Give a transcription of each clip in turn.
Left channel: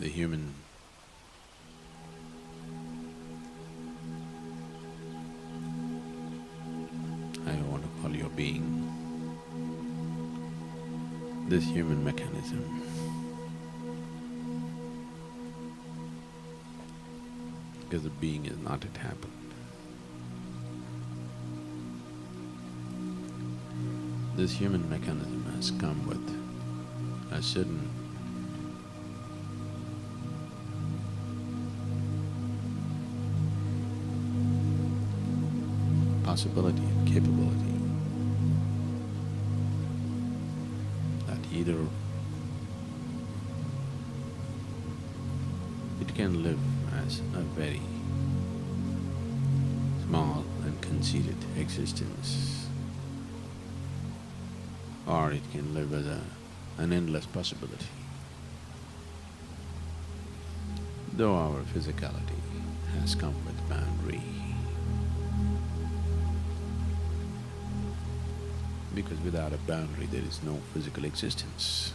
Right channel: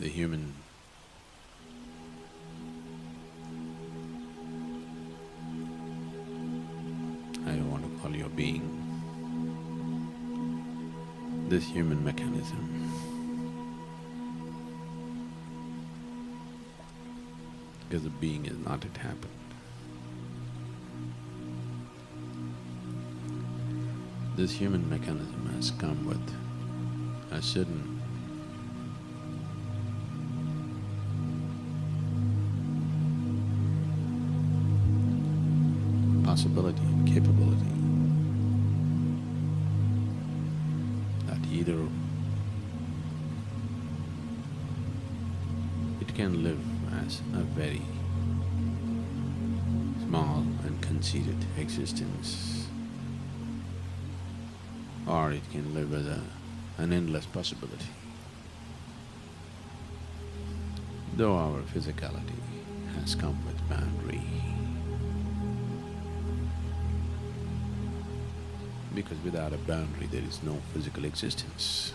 the human I want to call your being, this human mechanism because the being is not yet happened. This human mechanism has come with a certain possibility and capability that either it can live as a very small and conceited existence, or it can live as an endless possibility. Though our physicality has come with boundary, because without a boundary there is no physical existence.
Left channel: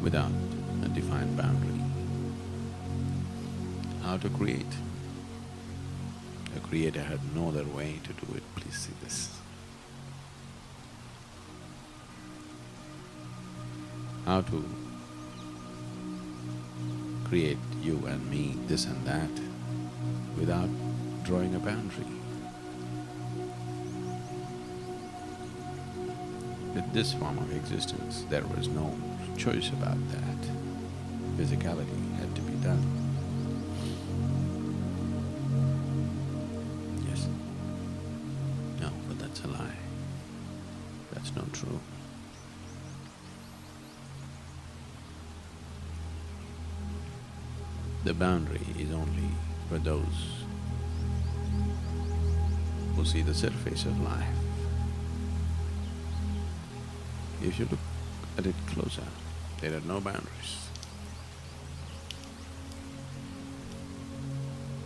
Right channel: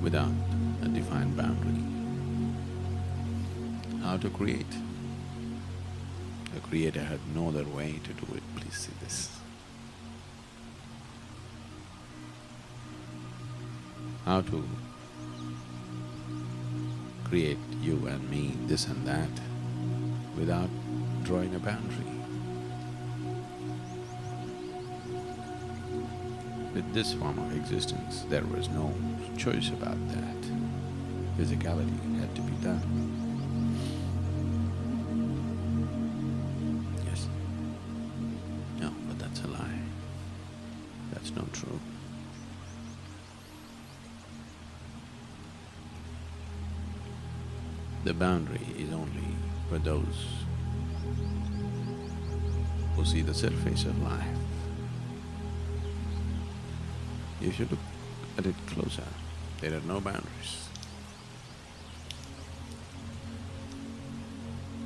Without a defined boundary. How to create? The Creator had no other way to do it, please see this. How to create you and me, this and that, without drawing a boundary. With this form of existence, there was no choice about that. Physicality had to be done. Yes? No, but that's a lie. That's not true. The boundary is only for those who see the surface of life. If you look at it closer, there are no boundaries.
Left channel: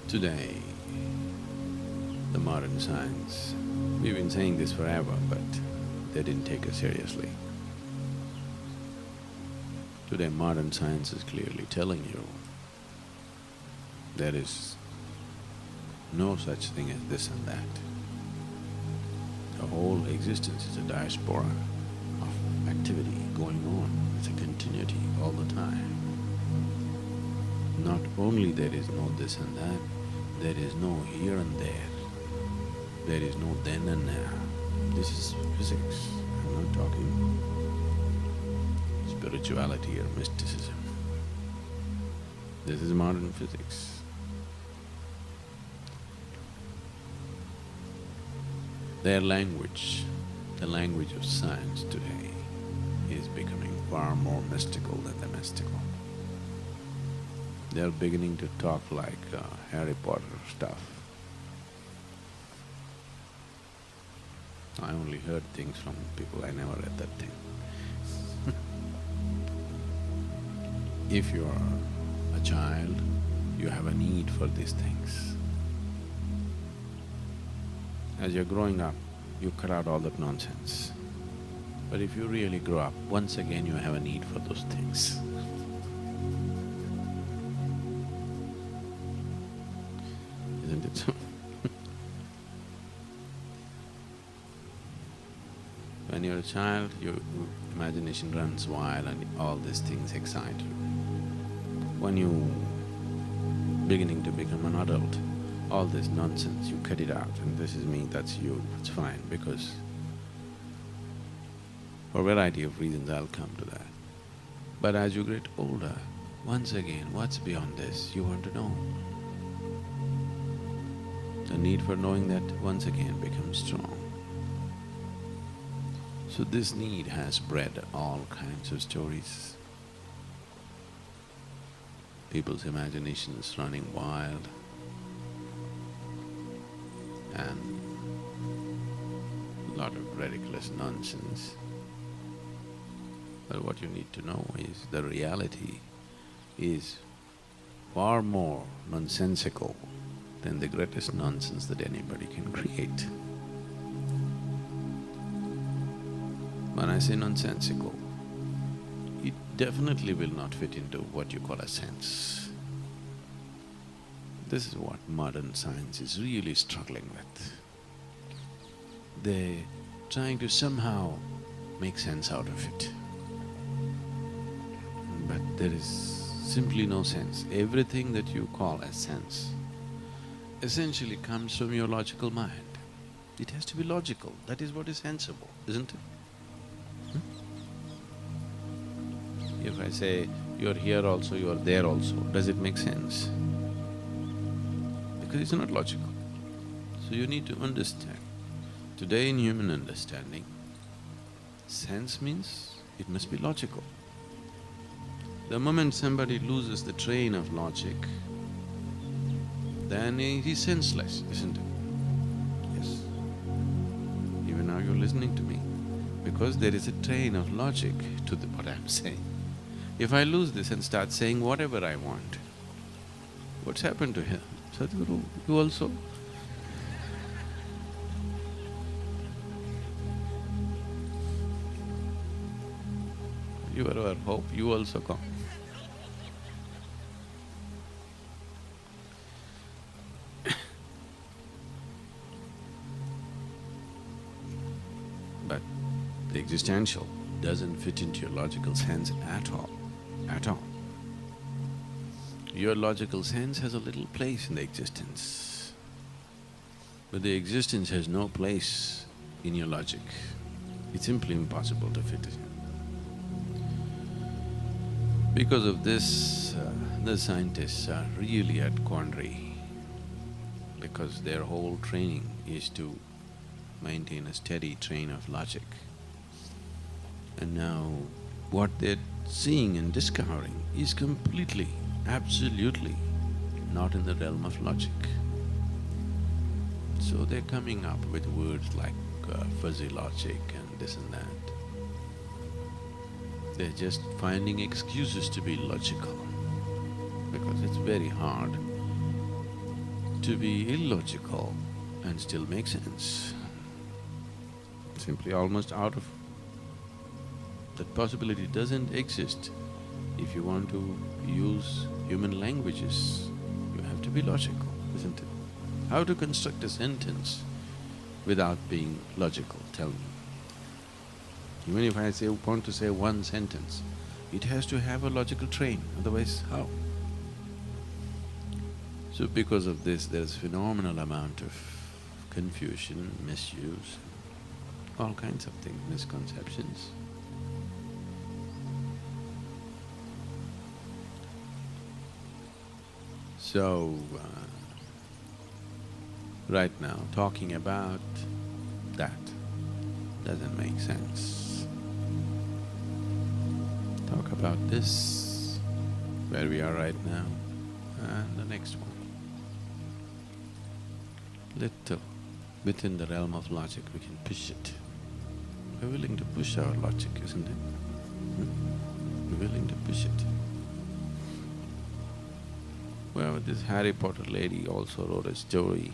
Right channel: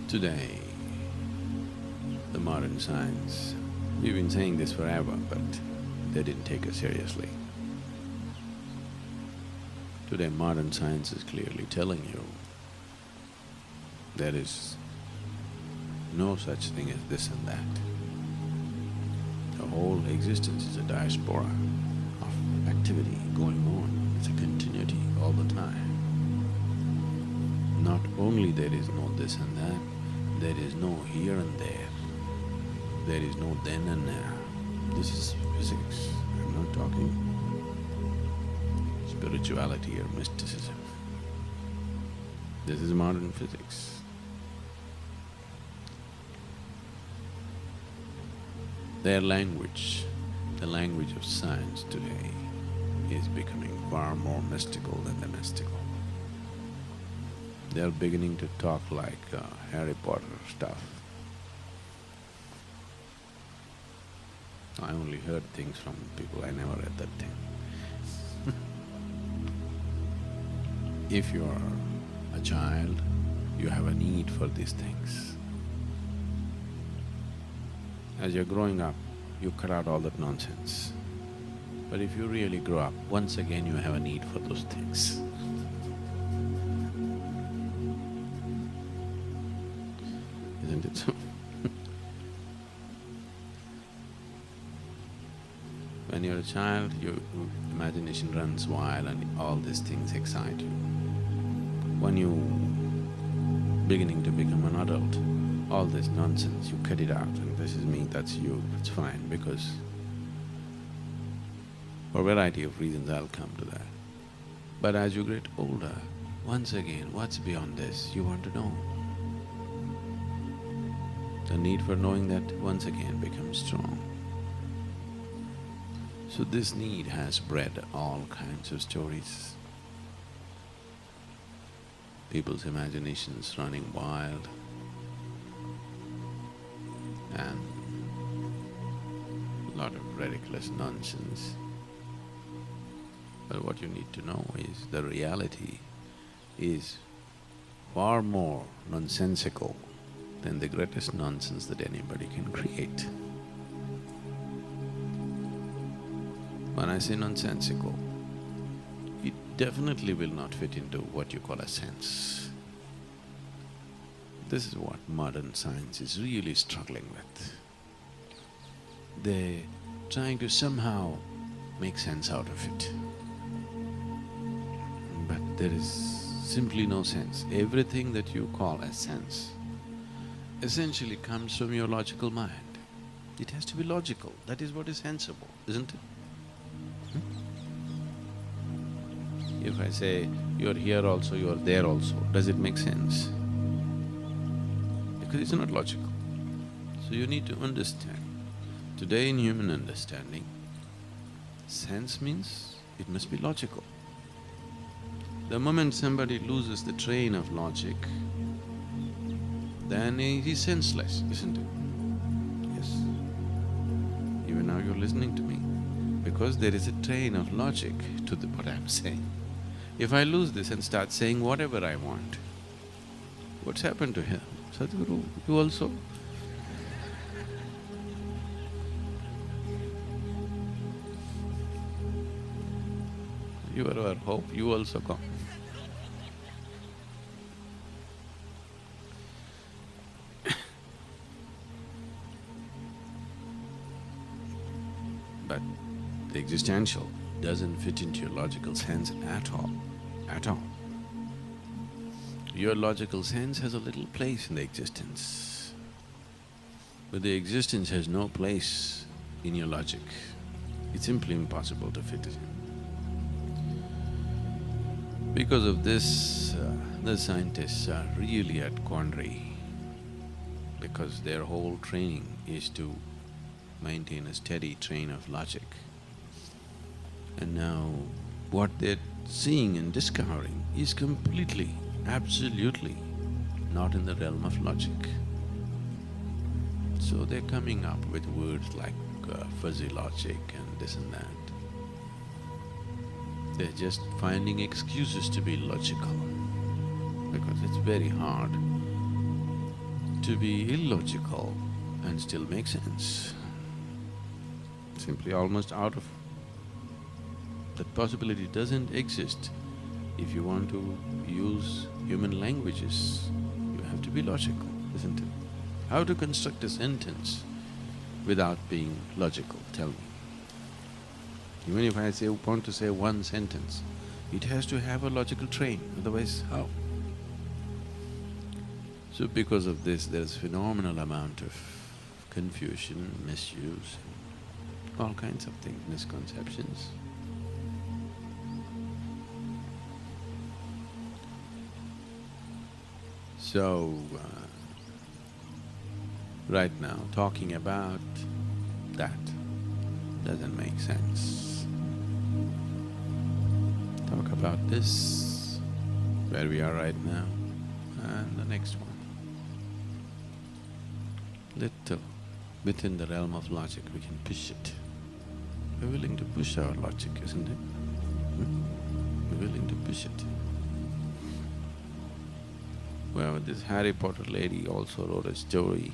Today, the modern science, we've been saying this forever, but they didn't take us seriously. Today, modern science is clearly telling you there is no such thing as this and that. The whole existence is a diaspora of activity going on. It's a continuity all the time. Not only there is no this and that, there is no here and there. There is no then and now. This is physics. I'm not talking spirituality or mysticism. This is modern physics. Their language, the language of science today, is becoming far more mystical than the mystical. They're beginning to talk like Harry Potter stuff. I only heard things from people, I never read that thing. If you are a child, you have a need for these things. As you're growing up, you cut out all that nonsense. But if you really grow up, once again you have a need for those things. Isn't it so? When you're a child, your imagination runs wild and all these things excite you. When you beginning to become an adult, all this nonsense, you cut it out and this is me, that's you, it's fine because for a variety of reasons I'll come to that. But as you get older, once again, what's beyond this, you want to know. The need for knowing that once again becomes strong. So this need has bred all kinds of stories. People's imaginations running wild, and a lot of ridiculous nonsense. But what you need to know is the reality is far more nonsensical than the greatest nonsense that anybody can create. When I say nonsensical, it definitely will not fit into what you call a sense. This is what modern science is really struggling with. They're trying to somehow make sense out of it. But there is simply no sense. Everything that you call as sense essentially comes from your logical mind. It has to be logical, that is what is sensible, isn't it? If I say, you're here also, you're there also, does it make sense? Because it's not logical. So you need to understand. Today in human understanding, sense means it must be logical. The moment somebody loses the train of logic, then he's senseless, isn't it? Yes. Even now you're listening to me, because there is a train of logic to what I'm saying. If I lose this and start saying whatever I want, what's happened to him? Sadhguru, you also? You are our hope, you also come. But the existential doesn't fit into your logical sense at all, at all. Your logical sense has a little place in the existence, but the existence has no place in your logic. It's simply impossible to fit it in. Because of this, the scientists are really at quandary, because their whole training is to maintain a steady train of logic. And now, what they're seeing and discovering is completely, absolutely not in the realm of logic. So they're coming up with words like fuzzy logic and this and that. They're just finding excuses to be logical, because it's very hard to be illogical and still make sense. Simply almost out of… that possibility doesn't exist. If you want to use human languages, you have to be logical, isn't it? How to construct a sentence without being logical, tell me. Even if I want to say one sentence, it has to have a logical train, otherwise how? So because of this, there's phenomenal amount of confusion, misuse, all kinds of things, misconceptions. So, right now, talking about that doesn't make sense. Talk about this, where we are right now, and the next one. Little within the realm of logic, we can push it. We're willing to push our logic, isn't it? We're willing to push it. Well, this Harry Potter lady also wrote a story.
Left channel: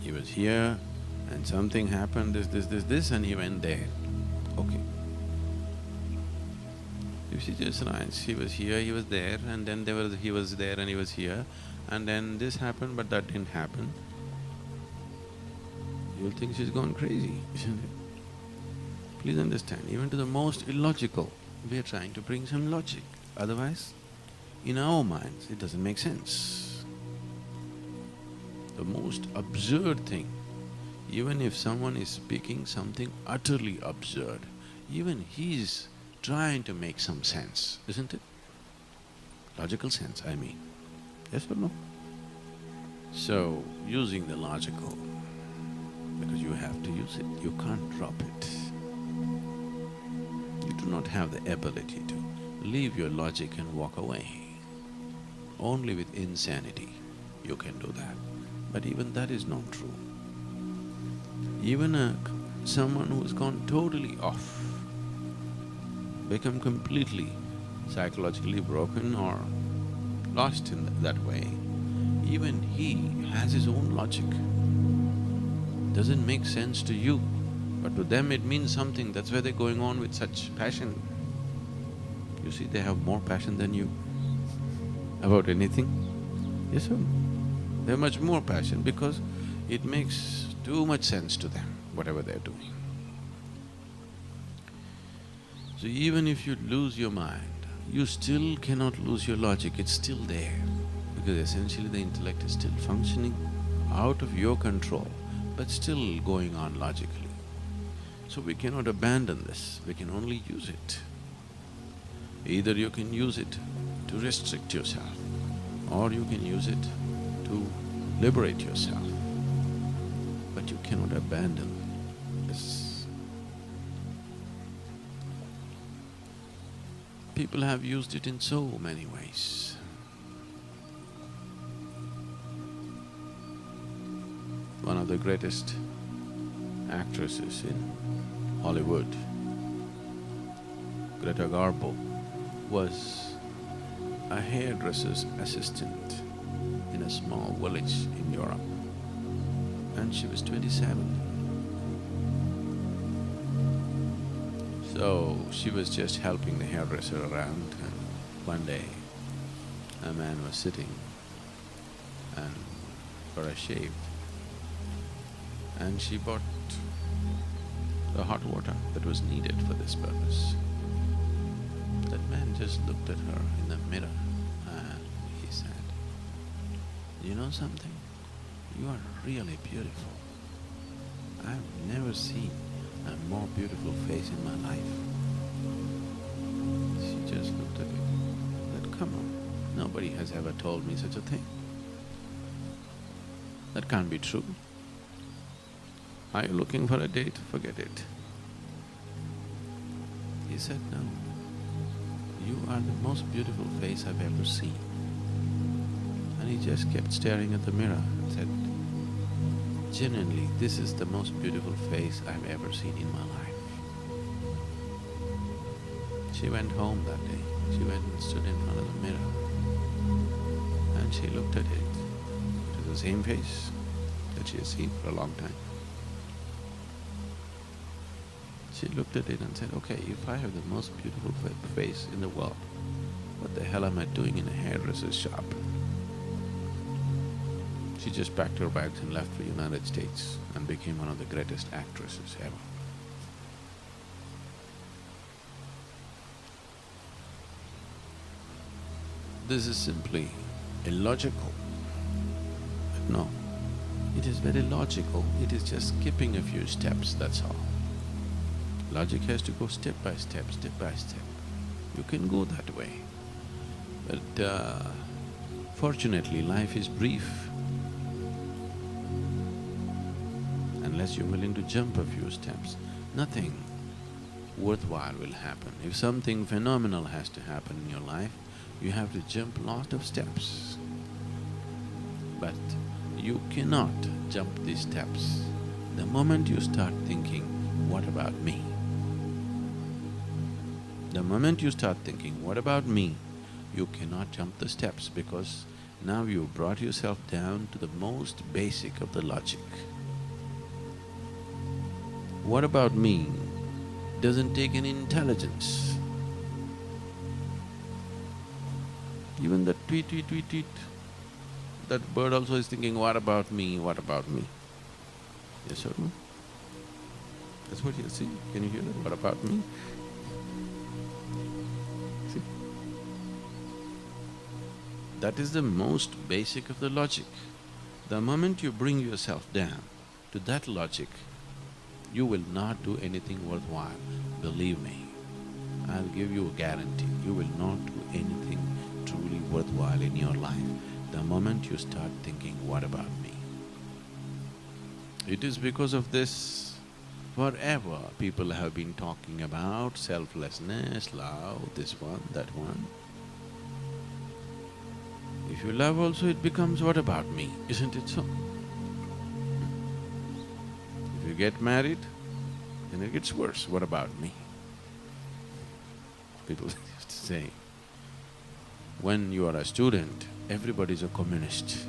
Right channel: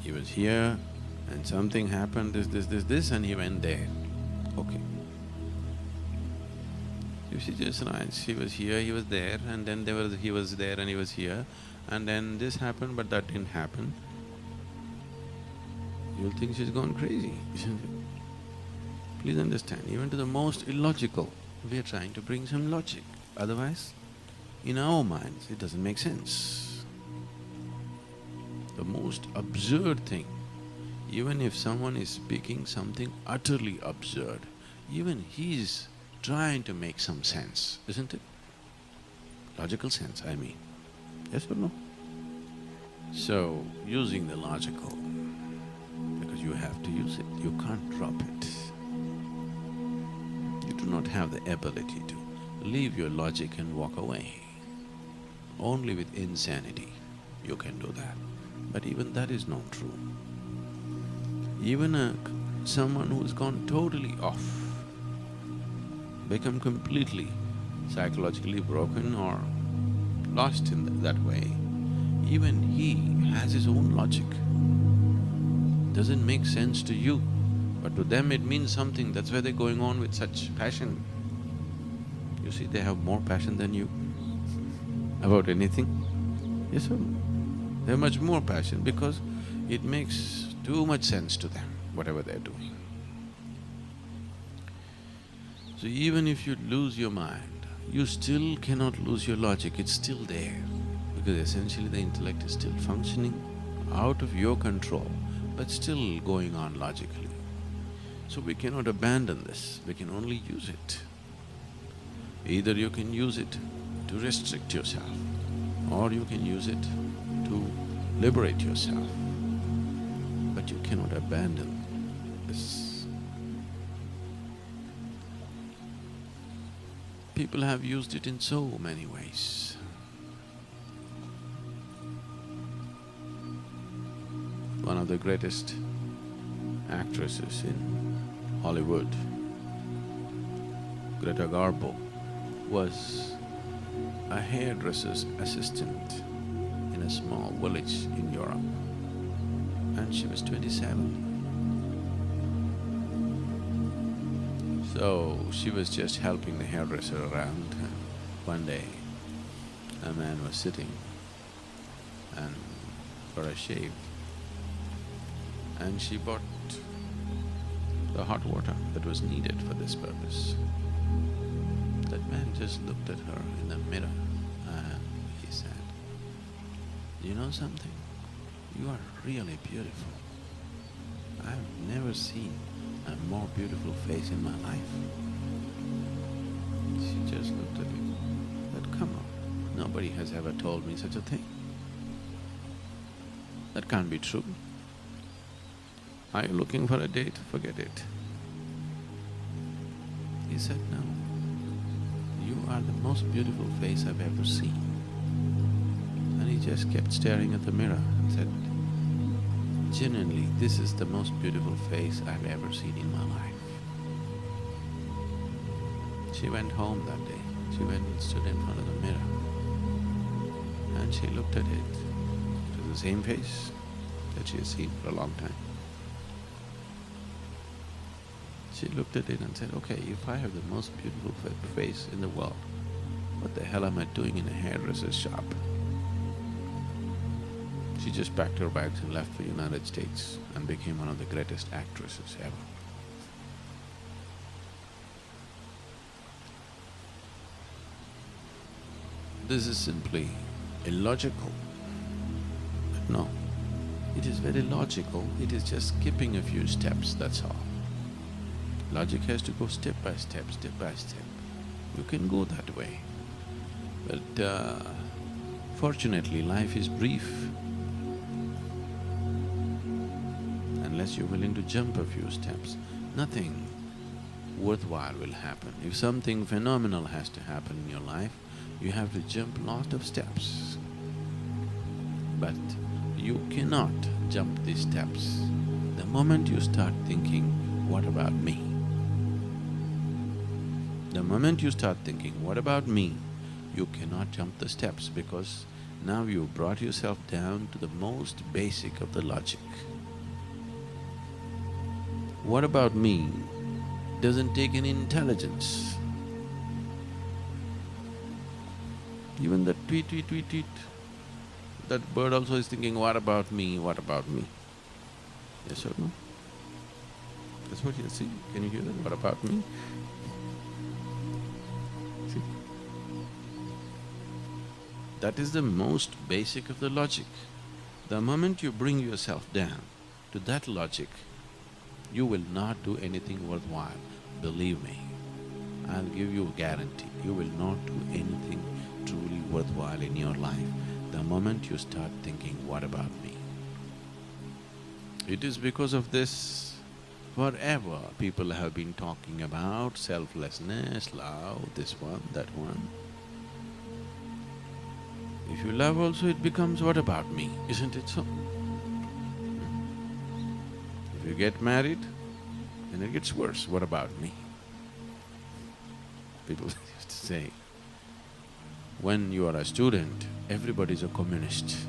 He was here and something happened, this, and he went there. Okay. You see, just nice, he was here, he was there, and then he was there and he was here, and then this happened but that didn't happen. You'll think she's gone crazy, isn't it? Please understand, even to the most illogical, we are trying to bring some logic. Otherwise, in our minds, it doesn't make sense. The most absurd thing, even if someone is speaking something utterly absurd, even he's trying to make some sense, isn't it? Logical sense, I mean. Yes or no? So, using the logical, because you have to use it, you can't drop it. You do not have the ability to leave your logic and walk away. Only with insanity you can do that. But even that is not true. Even someone who has gone totally off, become completely psychologically broken or lost in that way, even he has his own logic. doesn't make sense to you, but to them it means something, that's why they're going on with such passion. You see, they have more passion than you about anything. Yes or no? They have much more passion because it makes too much sense to them, whatever they're doing. So even if you lose your mind, you still cannot lose your logic, it's still there. Because essentially the intellect is still functioning out of your control, but still going on logically. So we cannot abandon this, we can only use it. Either you can use it to restrict yourself, or you can use it to liberate yourself. But you cannot abandon this. People have used it in so many ways. One of the greatest actresses in Hollywood, Greta Garbo, was a hairdresser's assistant in a small village in Europe, and she was 27. So she was just helping the hairdresser around, and one day a man was sitting and for a shave, and she bought the hot water that was needed for this purpose. That man just looked at her in the mirror and he said, "You know something? You are really beautiful. I've never seen a more beautiful face in my life." She just looked at it, said, "Come on, nobody has ever told me such a thing. That can't be true. Are you looking for a date? Forget it." He said, "No, you are the most beautiful face I've ever seen." And he just kept staring at the mirror and said, "Genuinely, this is the most beautiful face I've ever seen in my life." She went home that day. She went and stood in front of the mirror and she looked at it. It was the same face that she had seen for a long time. She looked at it and said, "Okay, if I have the most beautiful face in the world, what the hell am I doing in a hairdresser's shop?" She just packed her bags and left for United States and became one of the greatest actresses ever. This is simply illogical. But no, it is very logical, it is just skipping a few steps, that's all. Logic has to go step by step, step by step. You can go that way. But fortunately, life is brief. Unless you're willing to jump a few steps, nothing worthwhile will happen. If something phenomenal has to happen in your life, you have to jump lot of steps. But you cannot jump these steps the moment you start thinking, "What about me?" The moment you start thinking, "What about me?" you cannot jump the steps because now you brought yourself down to the most basic of the logic. "What about me?" doesn't take any intelligence. Even that tweet, tweet, tweet, tweet, that bird also is thinking, "What about me? What about me?" Yes or no? That's what you see. Can you hear that? What about me? See? That is the most basic of the logic. The moment you bring yourself down to that logic, you will not do anything worthwhile. Believe me, I'll give you a guarantee, you will not do anything truly worthwhile in your life the moment you start thinking, "What about me?" It is because of this, forever people have been talking about selflessness, love, this one, that one. If you love also, it becomes, "What about me?" Isn't it so? If you get married, then it gets worse, "What about me?" People used to say, when you are a student, everybody is a communist.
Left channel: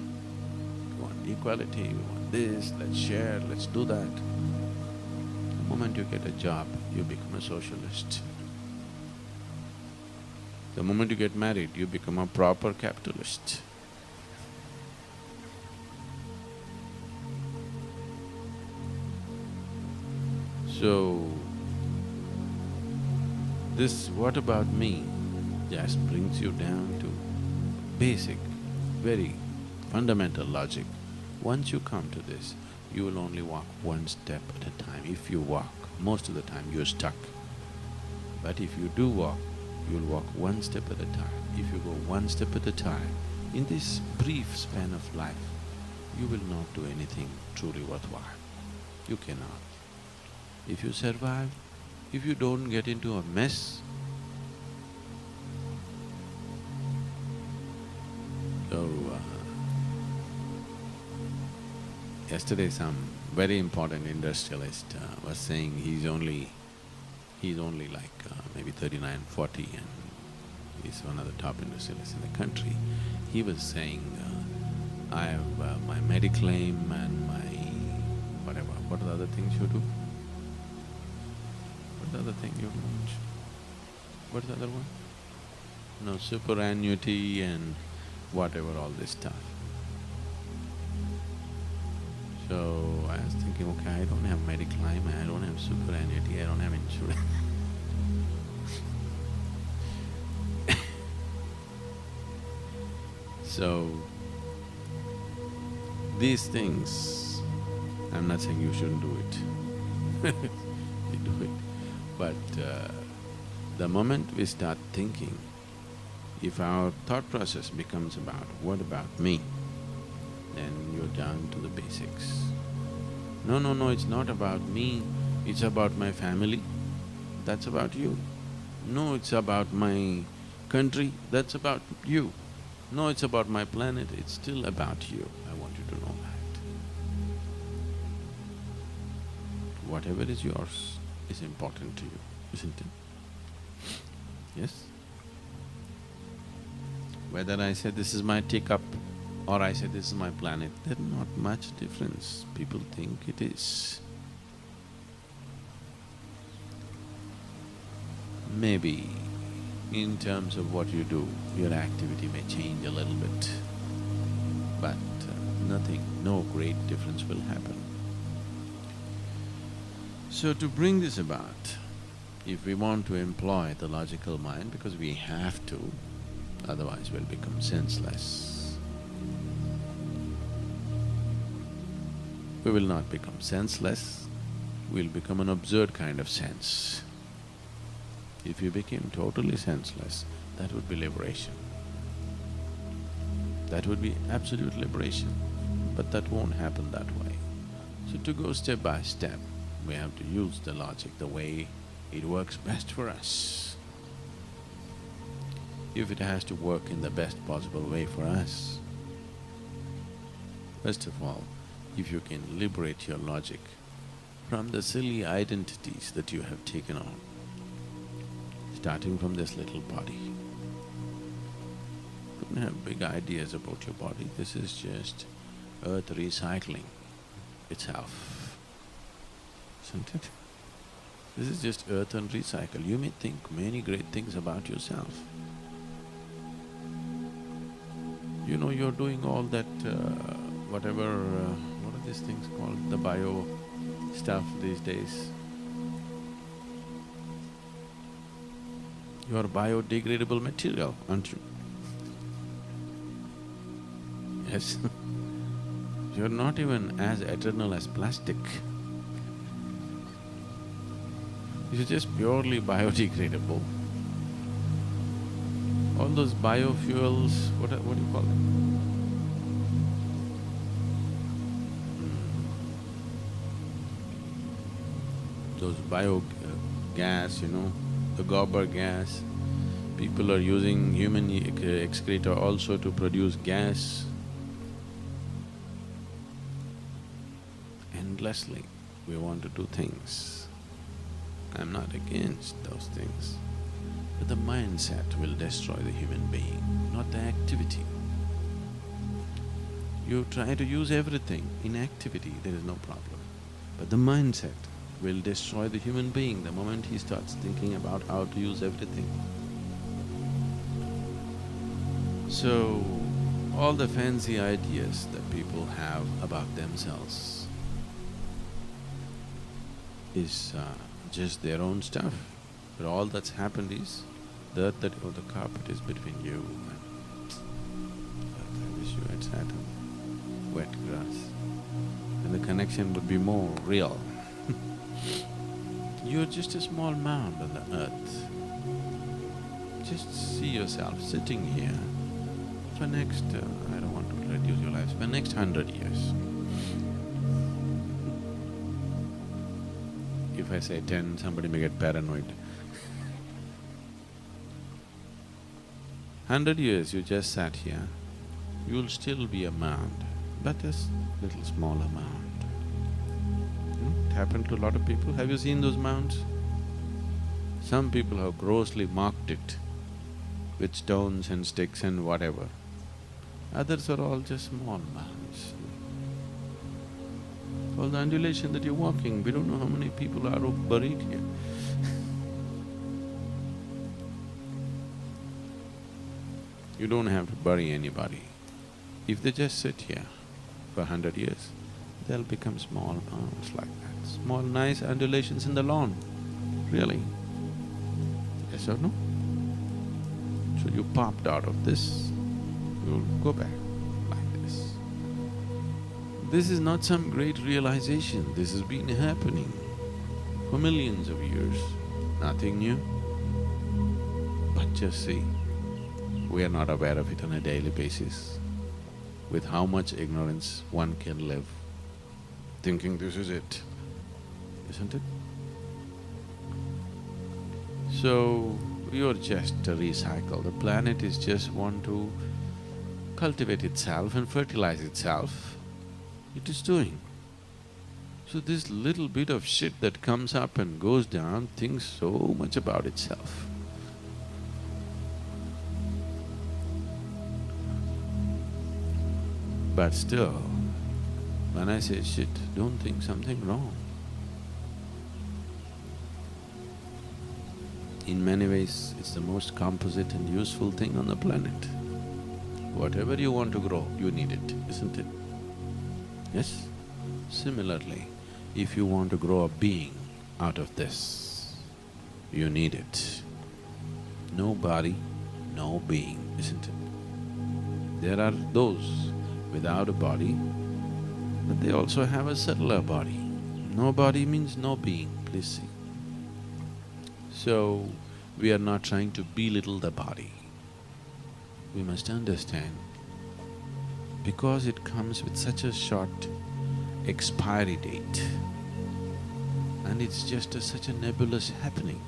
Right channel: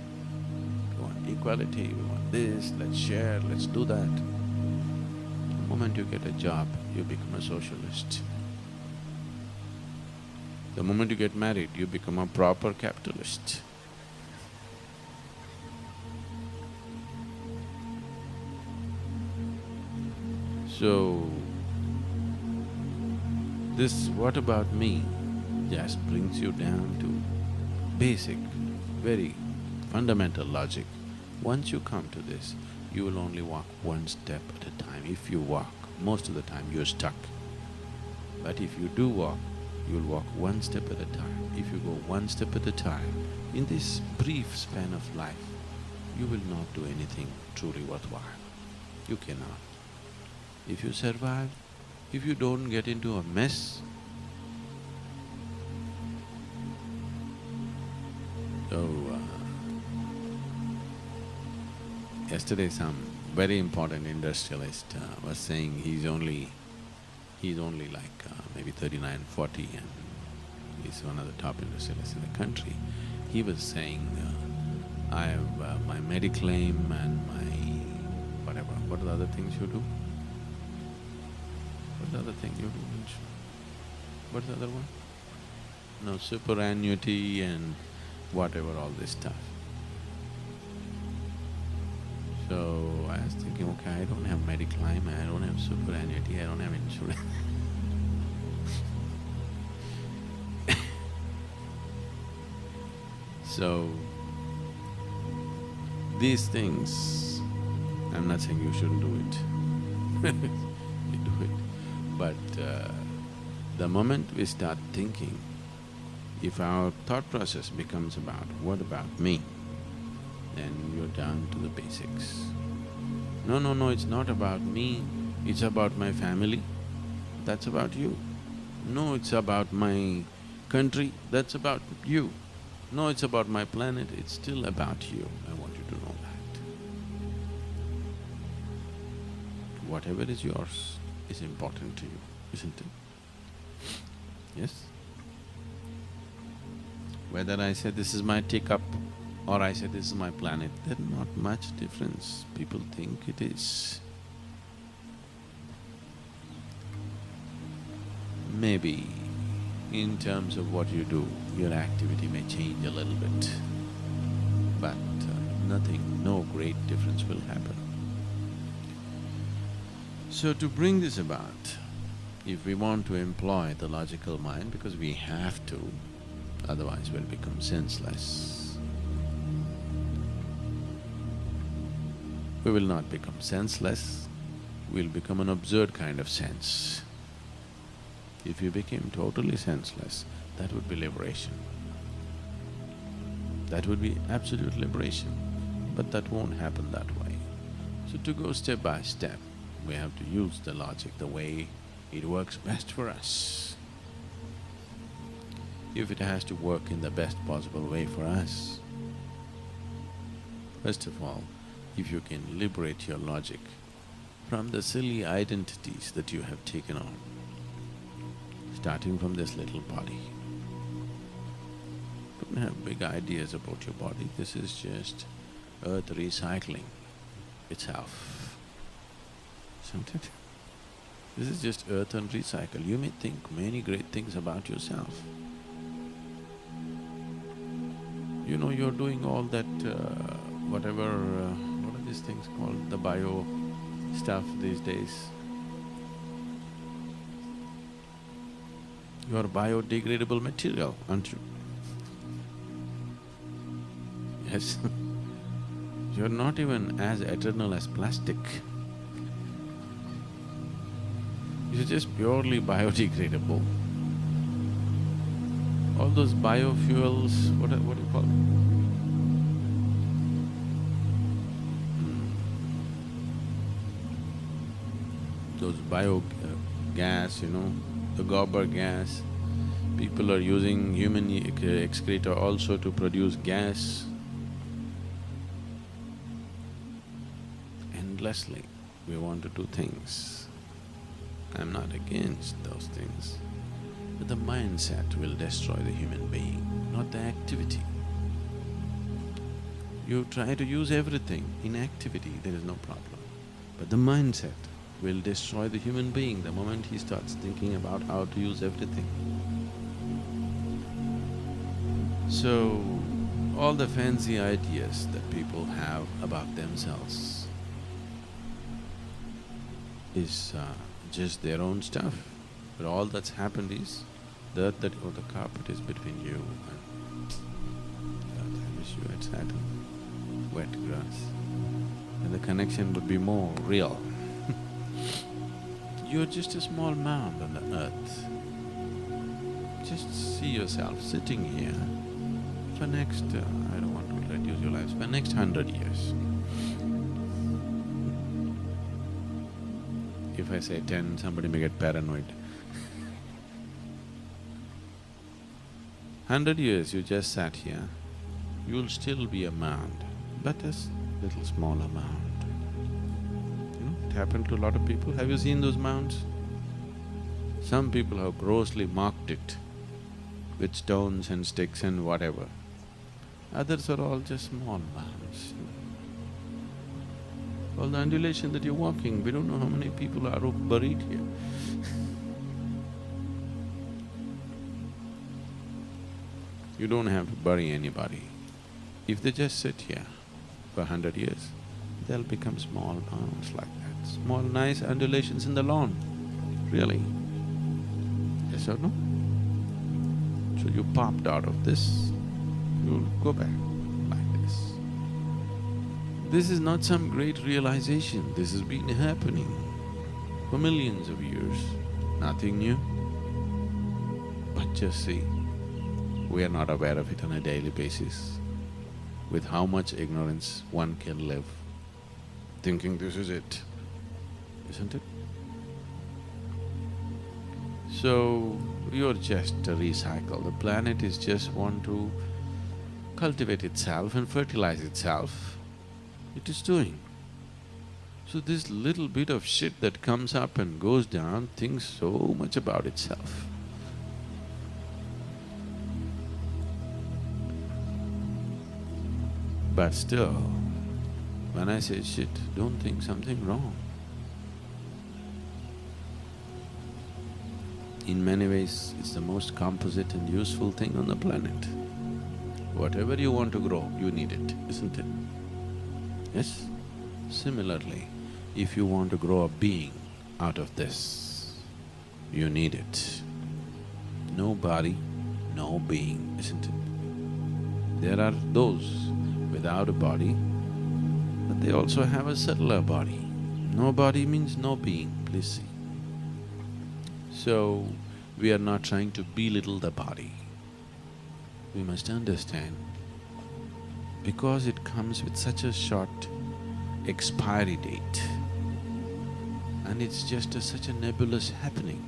Go on. equality, we want this, let's share, let's do that. The moment you get a job, you become a socialist. The moment you get married, you become a proper capitalist. So, this "what about me" just brings you down to basic, very fundamental logic. Once you come to this, you will only walk one step at a time. If you walk, most of the time you're stuck. But if you do walk, you'll walk one step at a time. If you go one step at a time, in this brief span of life, you will not do anything truly worthwhile. You cannot. If you survive, if you don't get into a mess, so yesterday some very important industrialist was saying he's only like maybe 39, 40 and he's one of the top industrialists in the country. He was saying, I have my mediclaim and my whatever, what are the other things you do? What's the other thing you do? What's the other one? No, superannuity and whatever, all this stuff. So I was thinking, okay, I don't have mediclaim, I don't have superannuity, I don't have insurance. So, these things, I'm not saying you shouldn't do it, you do it. But the moment we start thinking, if our thought process becomes about, what about me? Then you're down to the basics. No, it's not about me, it's about my family, that's about you. No, it's about my country, that's about you. No, it's about my planet, it's still about you. I want you to know that. Whatever is yours is important to you, isn't it? Yes? Whether I say this is my teacup or I say this is my planet, there's not much difference. People think it is. Maybe in terms of what you do, your activity may change a little bit, but nothing, no great difference will happen. So to bring this about, if we want to employ the logical mind, because we have to, otherwise we'll become senseless. We will not become senseless, we'll become an absurd kind of sense. If you became totally senseless, that would be liberation. That would be absolute liberation, but that won't happen that way. So to go step by step, we have to use the logic the way it works best for us. If it has to work in the best possible way for us, first of all, if you can liberate your logic from the silly identities that you have taken on, starting from this little body. Don't have big ideas about your body, this is just earth recycling itself, isn't it? This is just earth and recycle. You may think many great things about yourself. You know, you're doing all that whatever… what are these things called? The bio stuff these days. You are biodegradable material, aren't you? Yes. You're not even as eternal as plastic. You're just purely biodegradable. All those biofuels, what do you call them? Those biogas, you know, the gobar gas. People are using human excreta also to produce gas. Endlessly, we want to do things. I'm not against those things, but the mindset will destroy the human being, not the activity. You try to use everything. In activity, there is no problem. But the mindset will destroy the human being the moment he starts thinking about how to use everything. So, all the fancy ideas that people have about themselves is just their own stuff. But all that's happened is the earth that or the carpet is between you and earth. I wish you had sat on wet grass, and the connection would be more real. You're just a small mound on the earth. Just see yourself sitting here for next… I don't want to reduce your lives… for next 100 years. If I say 10, somebody may get paranoid. 100 years you just sat here, you'll still be a mound, but a little smaller mound. It happened to a lot of people. Have you seen those mounds? Some people have grossly marked it with stones and sticks and whatever. Others are all just small mounds. All the undulation that you're walking, we don't know how many people are buried here. You don't have to bury anybody. If they just sit here for 100 years, they'll become small mounds like that, small nice undulations in the lawn, really. Yes or no? So you popped out of this, you'll go back like this. This is not some great realization, this has been happening for millions of years, nothing new. But just see, we are not aware of it on a daily basis. With how much ignorance one can live, thinking this is it, isn't it? So, you're just a recycle. The planet is just want to cultivate itself and fertilize itself. It is doing. So this little bit of shit that comes up and goes down thinks so much about itself. But still, when I say shit, don't think something wrong. In many ways, it's the most composite and useful thing on the planet. Whatever you want to grow, you need it, isn't it? Yes? Similarly, if you want to grow a being out of this, you need it. No body, no being, isn't it? There are those without a body, but they also have a subtler body. No body means no being, please see. So, we are not trying to belittle the body. We must understand, because it comes with such a short expiry date, and it's just such a nebulous happening,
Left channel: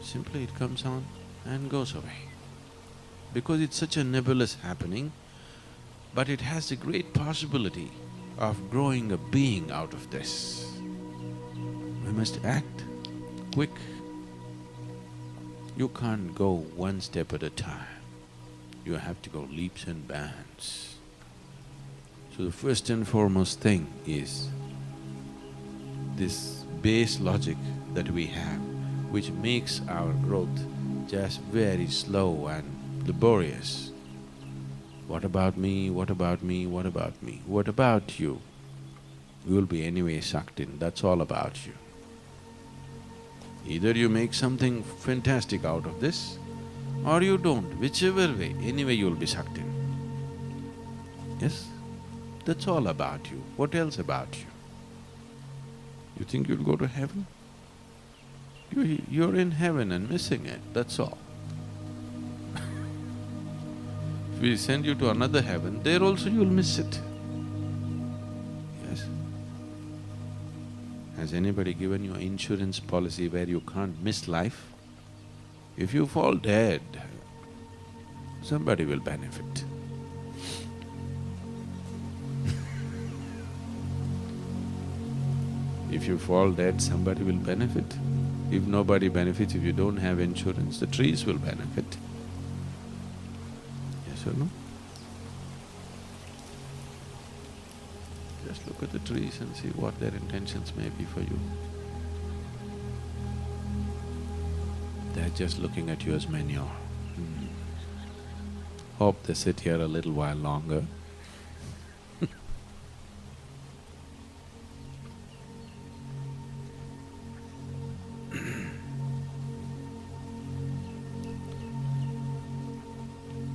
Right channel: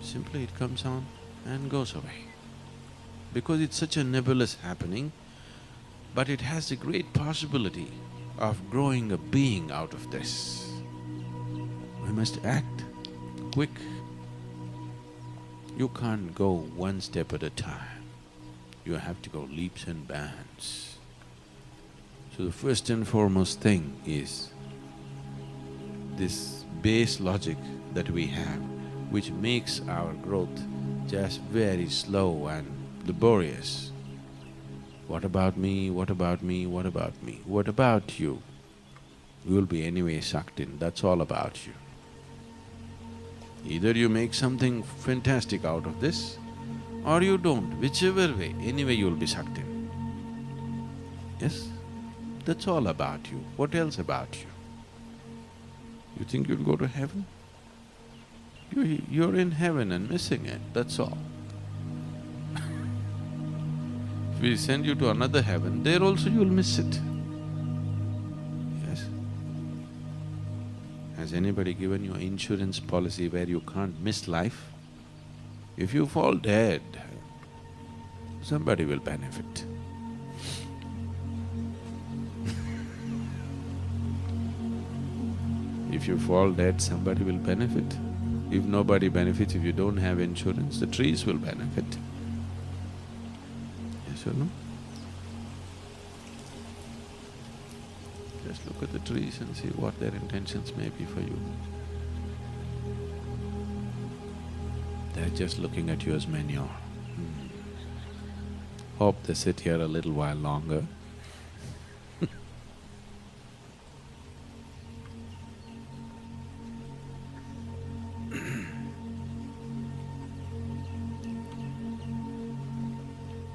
simply it comes on and goes away. Because it's such a nebulous happening, but it has the great possibility of growing a being out of this. We must act quick. You can't go one step at a time. You have to go leaps and bounds. So the first and foremost thing is this base logic that we have, which makes our growth just very slow and laborious. What about me, what about me, what about me, what about you? You will be anyway sucked in, that's all about you. Either you make something fantastic out of this, or you don't, whichever way, anyway you'll be sucked in. Yes? That's all about you, what else about you? You think you'll go to heaven? You're in heaven and missing it, that's all. If we send you to another heaven, there also you'll miss it. Yes? Has anybody given you an insurance policy where you can't miss life? If you fall dead, somebody will benefit. If you fall dead, somebody will benefit. If nobody benefits, if you don't have insurance, the trees will benefit. Yes or no? Just look at the trees and see what their intentions may be for you. They're just looking at you as manure. Hope they sit here a little while longer.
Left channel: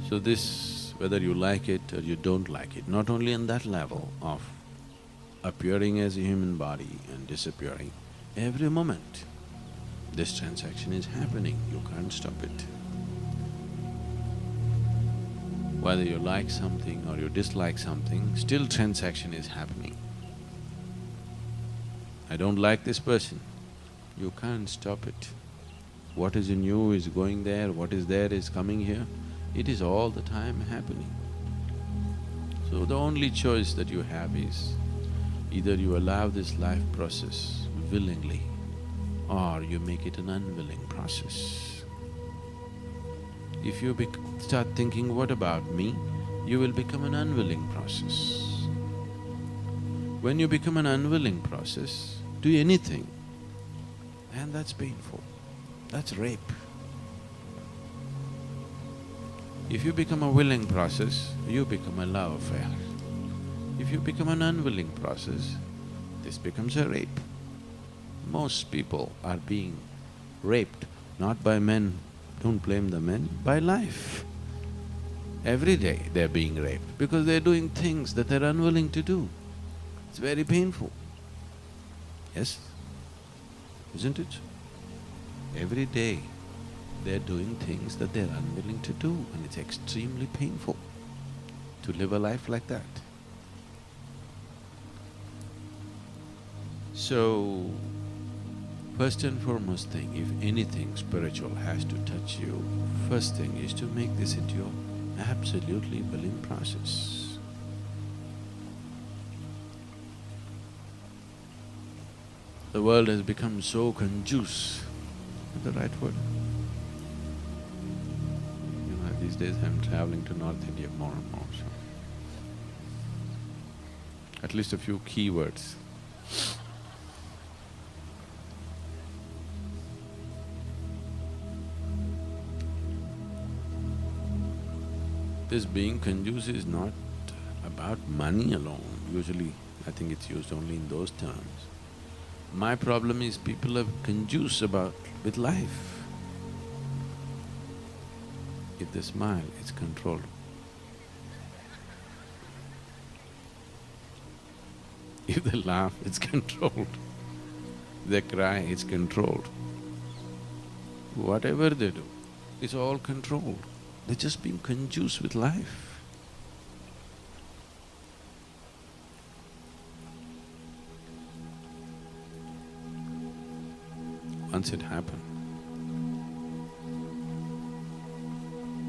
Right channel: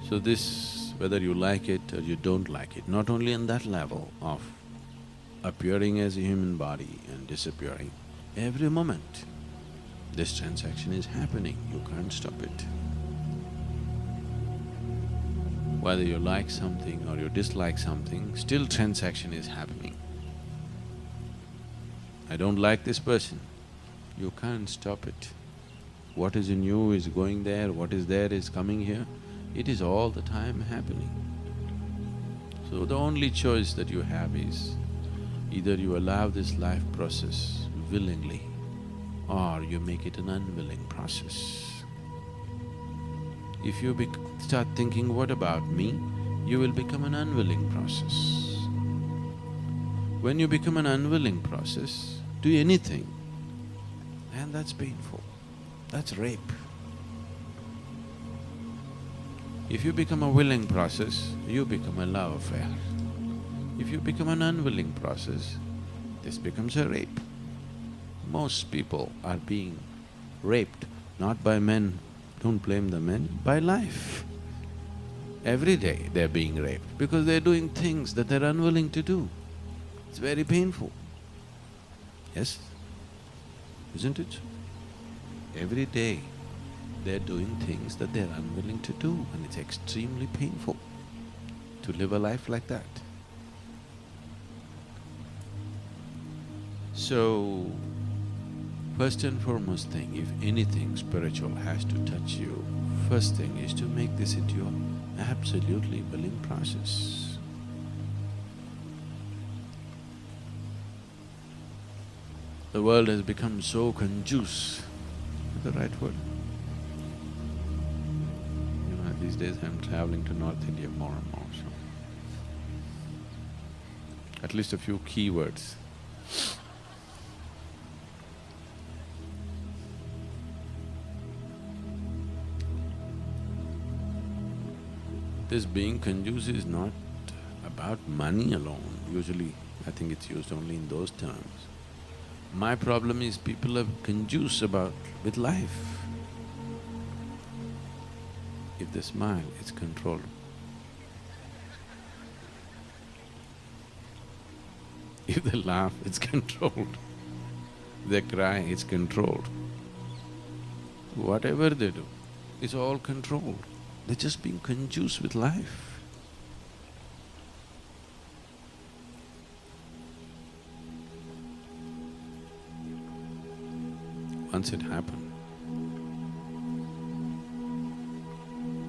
So this, whether you like it or you don't like it, not only on that level of appearing as a human body and disappearing, every moment this transaction is happening, you can't stop it. Whether you like something or you dislike something, still transaction is happening. I don't like this person, you can't stop it. What is in you is going there, what is there is coming here. It is all the time happening. So the only choice that you have is either you allow this life process willingly or you make it an unwilling process. If you start thinking, what about me, you will become an unwilling process. When you become an unwilling process, do anything, and that's painful, that's rape. If you become a willing process, you become a love affair. If you become an unwilling process, this becomes a rape. Most people are being raped, not by men, don't blame the men, by life. Every day they're being raped because they're doing things that they're unwilling to do. It's very painful. Yes? Isn't it? Every day they're doing things that they're unwilling to do, and it's extremely painful to live a life like that. So, first and foremost thing, if anything spiritual has to touch you, first thing is to make this into your absolutely willing process. The world has become so conjuice, is the right word? You know, these days I'm traveling to North India more and more, so at least a few key words. This being conjuice is not about money alone. Usually, I think it's used only in those terms. My problem is people are conjuice with life. If they smile, it's controlled. If they laugh, it's controlled. If they cry, it's controlled. Whatever they do, it's all controlled. They're just being conjuice with life. Once it happened,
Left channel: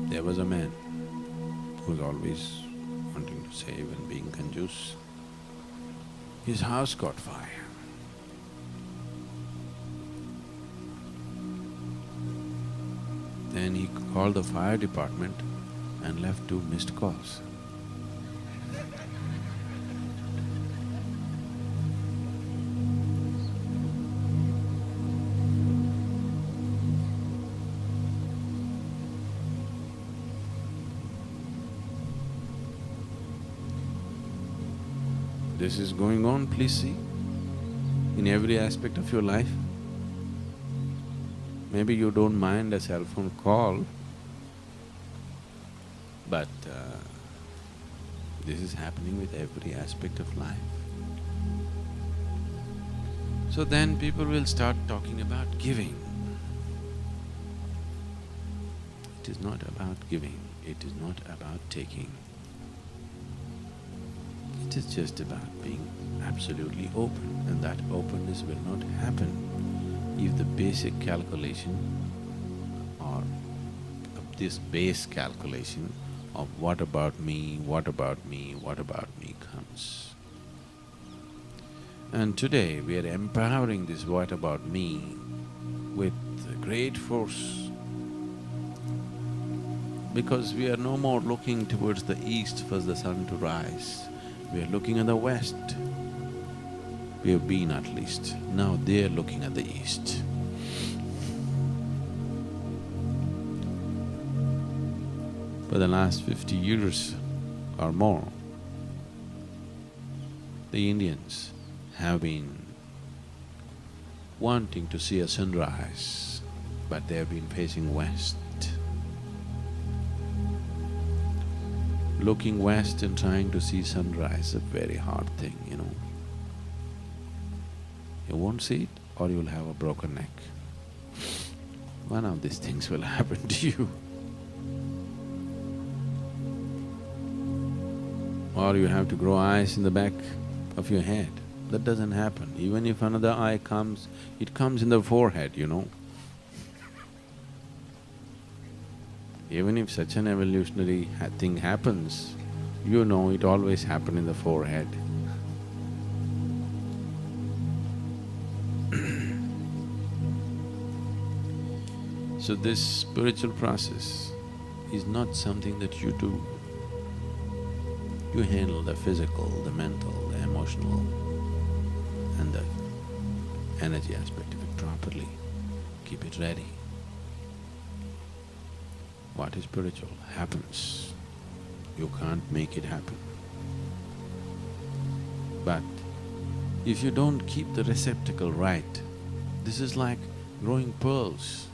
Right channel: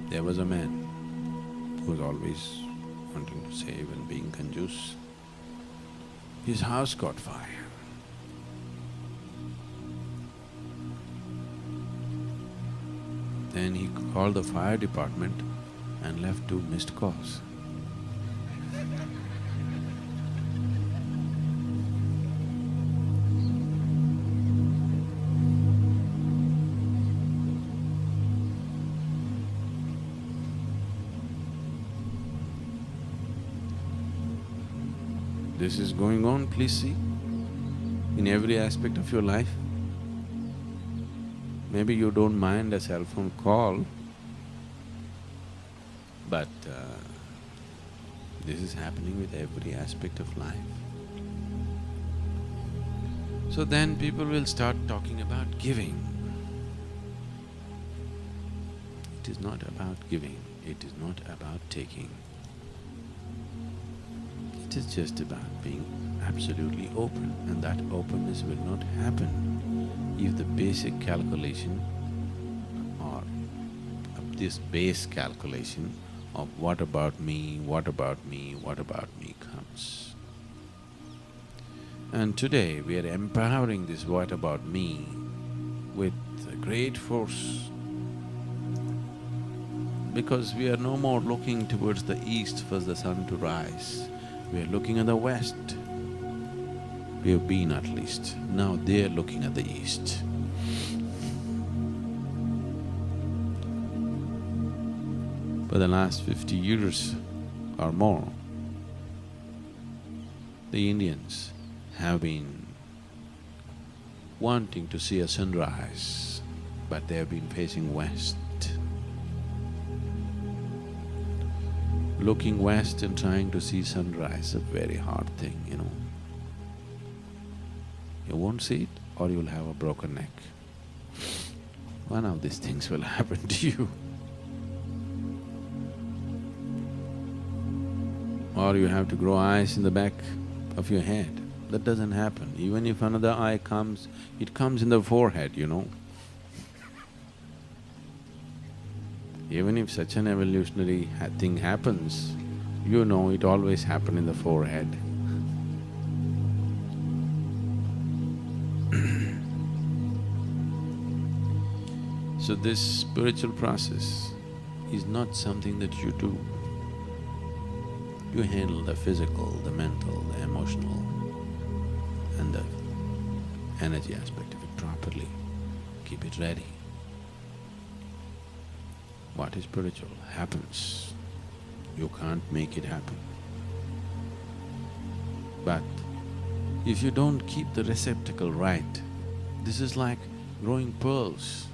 there was a man who was always wanting to save and being conjuice. His house caught fire. Then he called the fire department and left 2 missed calls. This is going on, please see, in every aspect of your life. Maybe you don't mind a cell phone call, but this is happening with every aspect of life. So then people will start talking about giving. It is not about giving, it is not about taking. It is just about being absolutely open, and that openness will not happen if the basic calculation or this base calculation of what about me, what about me, what about me comes. And today we are empowering this what about me with great force, because we are no more looking towards the east for the sun to rise. We are looking at the west We have been at least. Now they're looking at the east. For the last 50 years or more, the Indians have been wanting to see a sunrise, but they have been facing west. Looking west and trying to see sunrise is a very hard thing, you know. You won't see it or you'll have a broken neck. One of these things will happen to you. Or you have to grow eyes in the back of your head. That doesn't happen. Even if another eye comes, it comes in the forehead, you know. Even if such an evolutionary thing happens, you know it always happened in the forehead. So this spiritual process is not something that you do. You handle the physical, the mental, the emotional and the energy aspect of it properly. Keep it ready. What is spiritual happens. You can't make it happen. But if you don't keep the receptacle right, this is like growing pearls.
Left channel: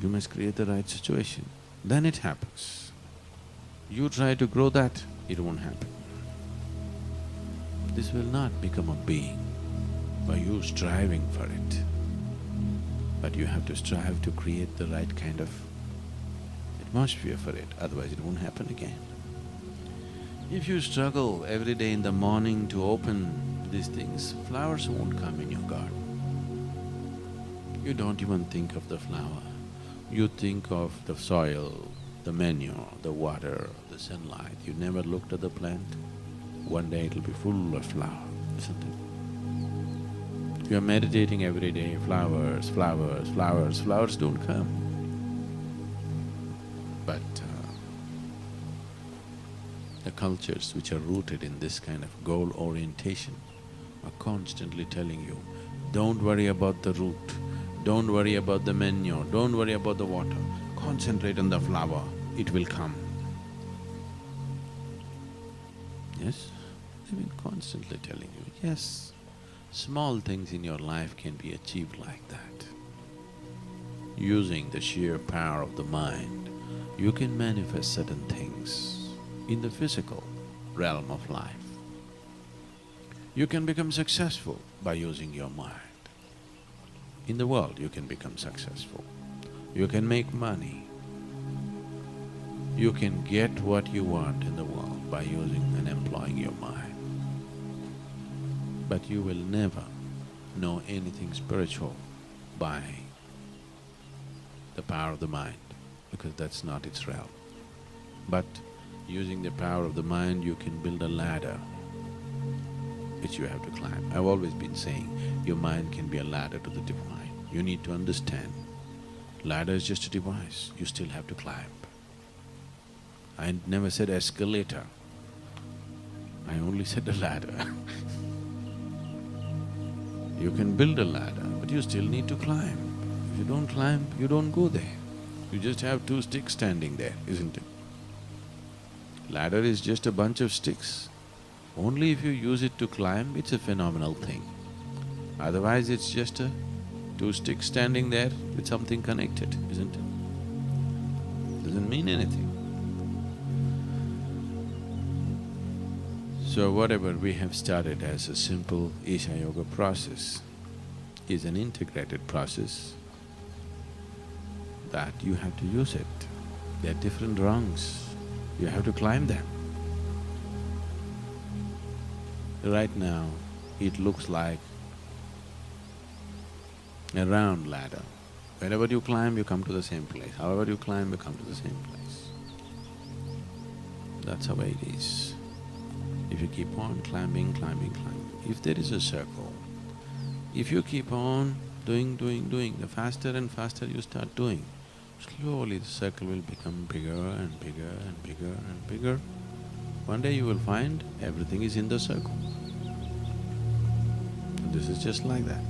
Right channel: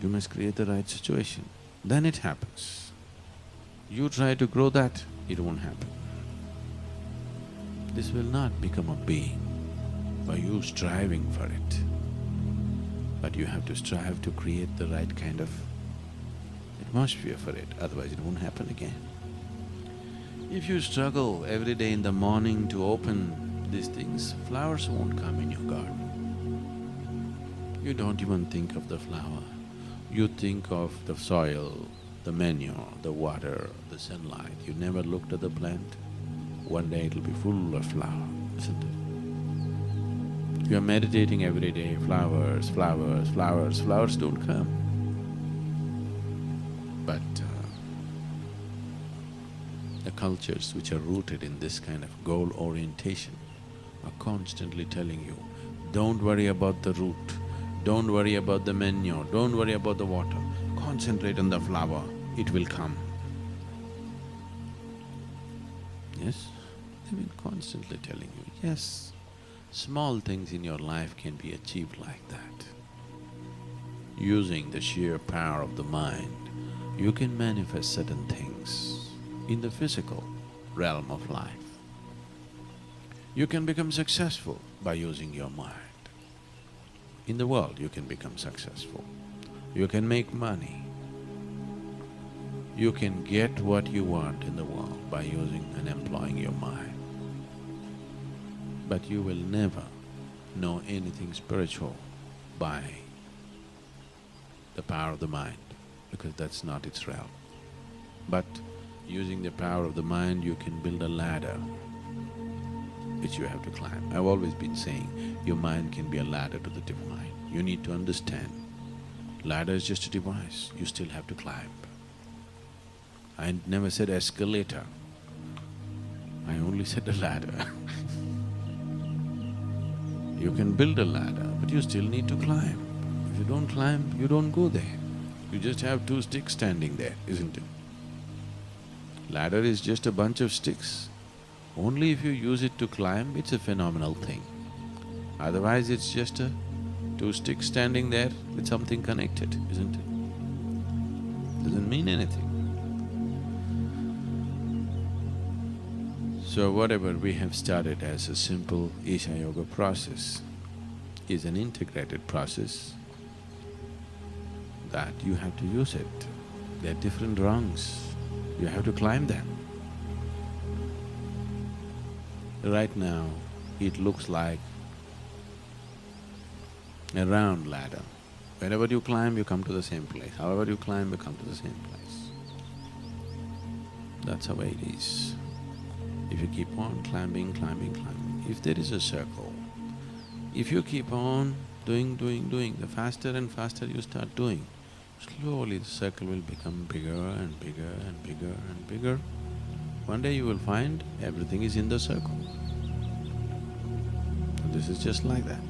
You must create the right situation, then it happens. You try to grow that, it won't happen. This will not become a being by you striving for it. But you have to strive to create the right kind of atmosphere for it, otherwise it won't happen again. If you struggle every day in the morning to open these things, flowers won't come in your garden. You don't even think of the flower. You think of the soil, the manure, the water, the sunlight. You never looked at the plant. One day it'll be full of flower, isn't it? You are meditating every day, flowers, flowers, flowers, flowers don't come. But the cultures which are rooted in this kind of goal orientation are constantly telling you, don't worry about the root, don't worry about the manure, don't worry about the water, concentrate on the flower, it will come. Yes? They've been constantly telling you, yes, small things in your life can be achieved like that. Using the sheer power of the mind, you can manifest certain things in the physical realm of life. You can become successful by using your mind. In the world, you can become successful. You can make money. You can get what you want in the world by using and employing your mind. But you will never know anything spiritual by the power of the mind, because that's not its realm. But using the power of the mind, you can build a ladder which you have to climb. I've always been saying, your mind can be a ladder to the divine. You need to understand, ladder is just a device, you still have to climb. I never said escalator, I only said a ladder. You can build a ladder, but you still need to climb. If you don't climb, you don't go there. You just have two sticks standing there, isn't it? Ladder is just a bunch of sticks. Only if you use it to climb, it's a phenomenal thing. Otherwise, it's just a two sticks standing there with something connected, isn't it? Doesn't mean anything. So whatever we have started as a simple Isha Yoga process is an integrated process that you have to use it. There are different rungs, you have to climb them. Right now, it looks like a round ladder. Wherever you climb, you come to the same place. However you climb, you come to the same place. That's the way it is. If you keep on climbing, climbing, climbing, if there is a circle, if you keep on doing, the faster and faster you start doing, slowly the circle will become bigger and bigger and bigger and bigger. One day you will find everything is in the circle. And this is just like that.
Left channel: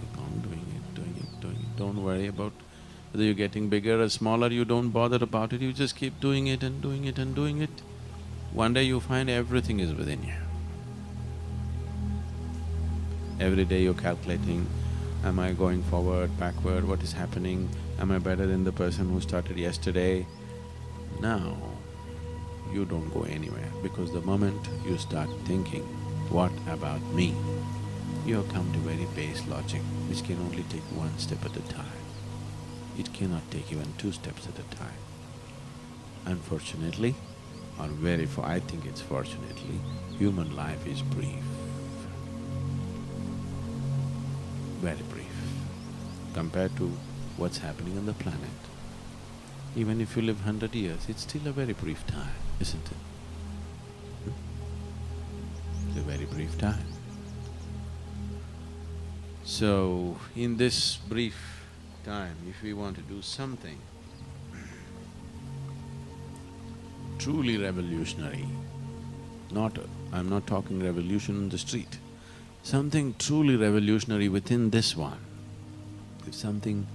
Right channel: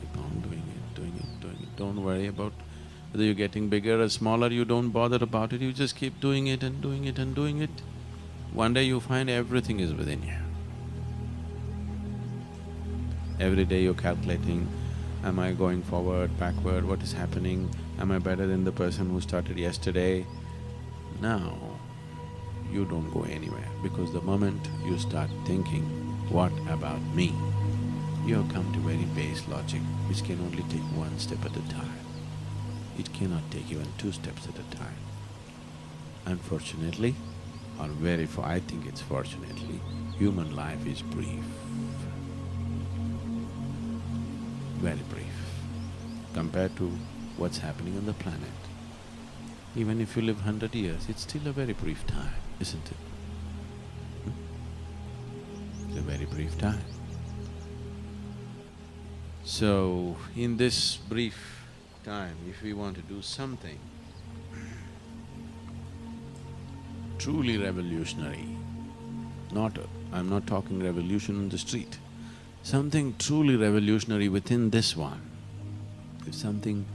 Keep on doing it, doing it, doing it. Don't worry about whether you're getting bigger or smaller, you don't bother about it, you just keep doing it and doing it and doing it. One day you find everything is within you. Every day you're calculating, am I going forward, backward, what is happening, am I better than the person who started yesterday? Now, you don't go anywhere because the moment you start thinking, what about me? You have come to very base logic which can only take one step at a time. It cannot take even 2 steps at a time. Unfortunately, or I think it's fortunately, human life is brief. Very brief compared to what's happening on the planet. Even if you live 100 years, it's still a very brief time, isn't it? It's a very brief time. So, in this brief time, if we want to do something truly revolutionary, I'm not talking revolution on the street, something truly revolutionary within this one, if something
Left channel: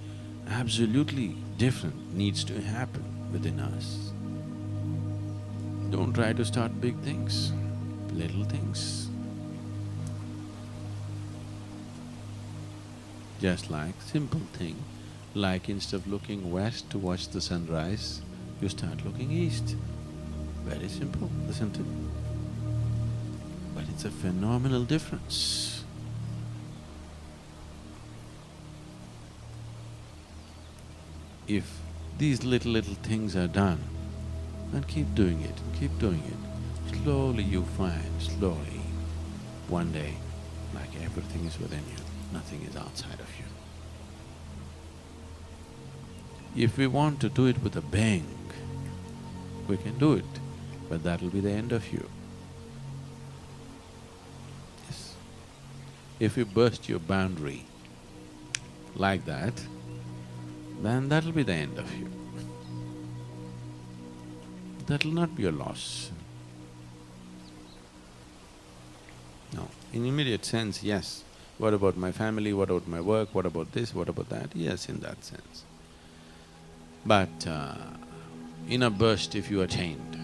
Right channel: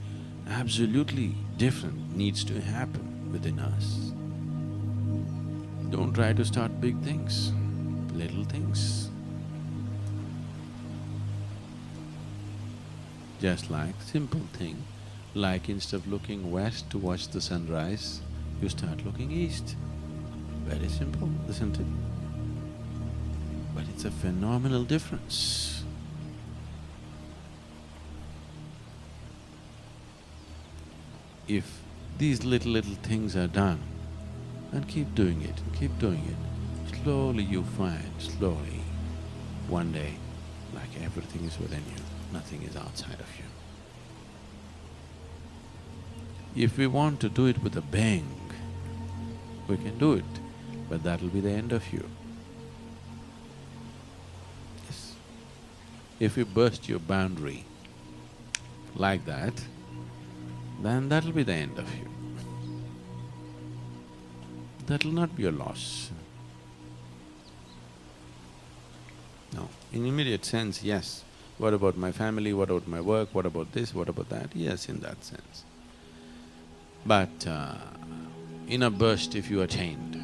absolutely different needs to happen within us, don't try to start big things, little things. Just like simple thing, like instead of looking west to watch the sunrise, you start looking east. Very simple, isn't it? But it's a phenomenal difference. If these little things are done, and keep doing it and keep doing it, slowly you find, slowly, one day, like everything is within you, nothing is outside of you. If we want to do it with a bang, we can do it, but that'll be the end of you. Yes. If you burst your boundary like that, then that'll be the end of you. That'll not be a loss. No, in immediate sense, yes. What about my family, what about my work, what about this, what about that? Yes, in that sense. But in a burst if you attained,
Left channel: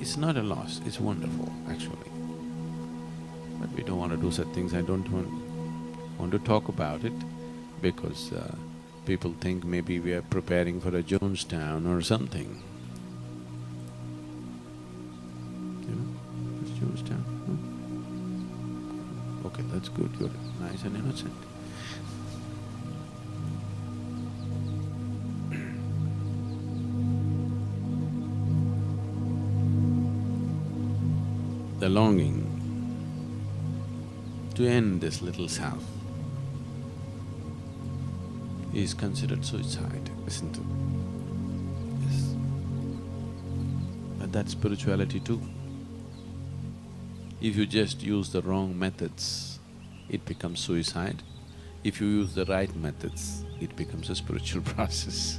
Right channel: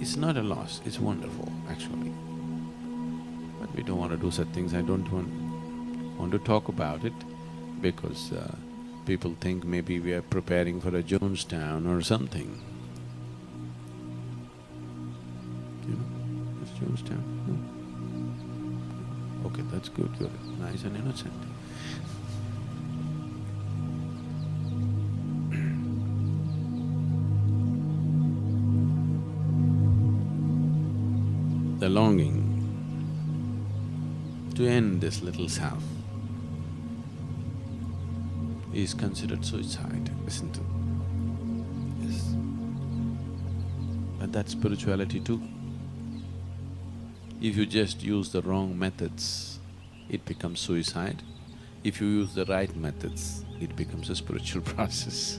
it's not a loss, it's wonderful actually. But we don't want to do such things, I don't want to talk about it because people think maybe we are preparing for a Jonestown or something. You know, what's Jonestown? No? Okay, that's good, you're nice and innocent. The longing to end this little self is considered suicide, isn't it? Yes. But that's spirituality too. If you just use the wrong methods, it becomes suicide. If you use the right methods, it becomes a spiritual process.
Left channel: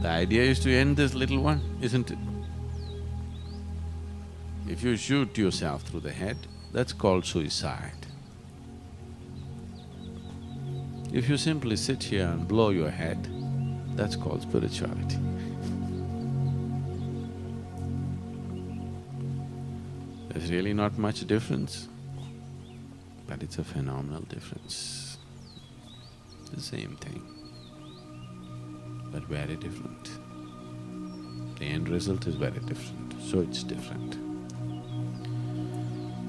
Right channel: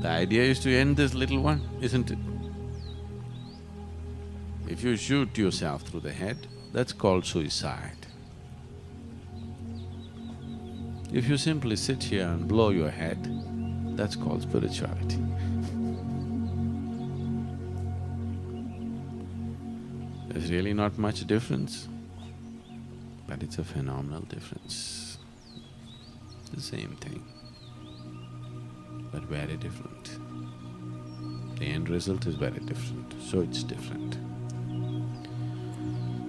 The idea is to end this little one, isn't it? If you shoot yourself through the head, that's called suicide. If you simply sit here and blow your head, that's called spirituality. There's really not much difference, but it's a phenomenal difference. The same thing, but very different. The end result is very different, so it's different.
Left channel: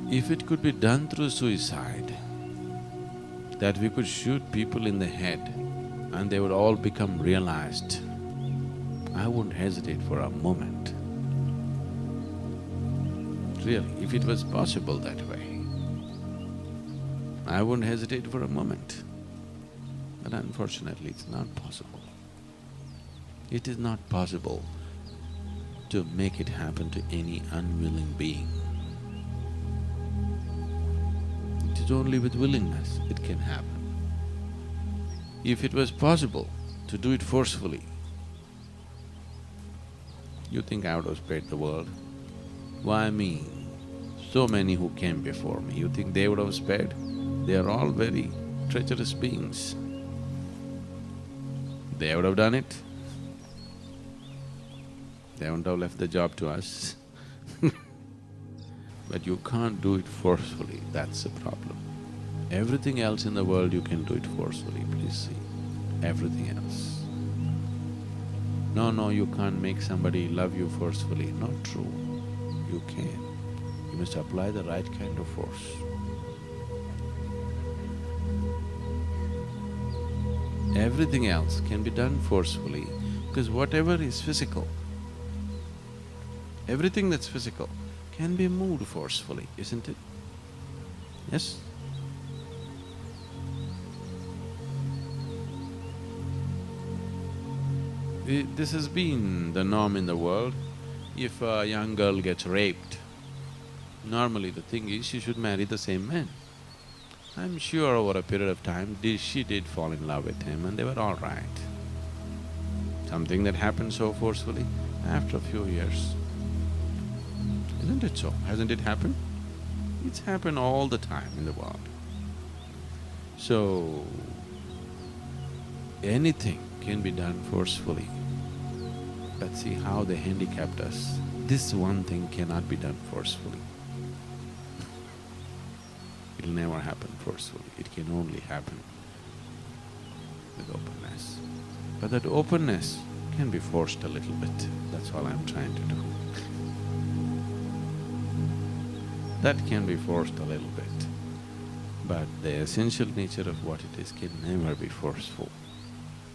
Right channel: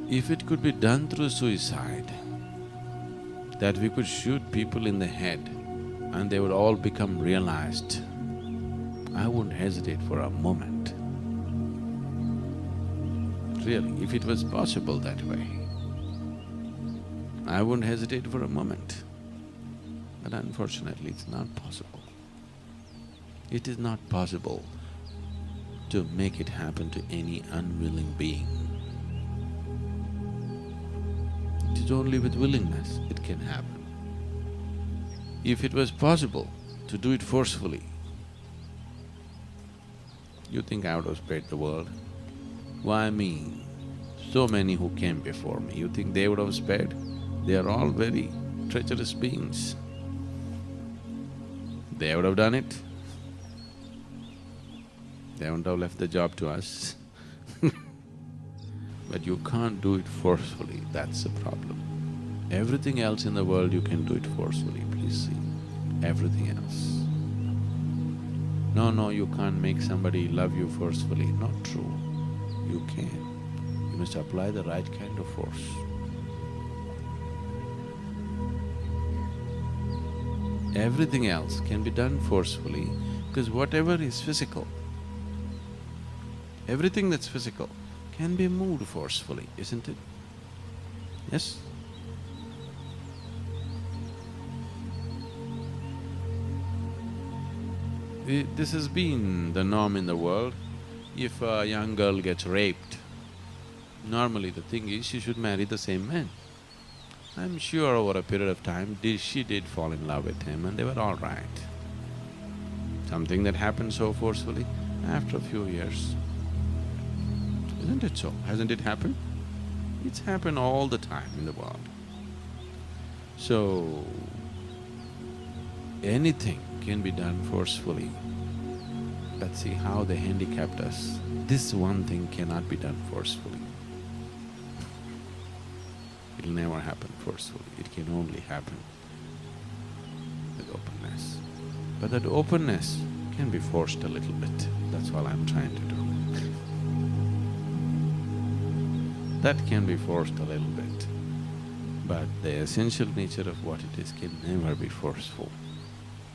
If it could be done through suicide, that we could shoot people in the head and they would all become realized, I wouldn't hesitate for a moment. Really, if it was possible that way, I wouldn't hesitate for a moment. But unfortunately, it's not possible. It is not possible to make it happen to any unwilling being. It is only with willingness it can happen. If it was possible to do it forcefully. You think I would have spared the world? Why me? So many who came before me, you think they would have spared? They are all very treacherous beings. They would have done it. They wouldn't have left the job to us. But you can't do it forcefully, that's the problem. Everything else in the world you can do it forcefully, please see. Everything else. No, you can't make somebody love you forcefully. Not true. You can. You must apply the right kind of force. Everything else can be done forcefully because whatever is physical, everything that's physical can be moved forcefully, isn't it? Yes? This has been the norm in the world. If a young girl gets raped, normally the thing is she should marry the same man. I'm sure over a period of time, she did fall in love with him and they were all right. Something that happened so forcefully, after a few years, isn't it so? Hasn't it happened? It's happened all the time in the world. So, anything can be done forcefully. But see how they handicapped us. This one thing cannot be done forcefully. It'll never happen forcefully, it can only happen with openness. But that openness can be forced a little bit, that's all I'm trying to do. That can be forced a little bit, but the essential nature of what it is can never be forceful.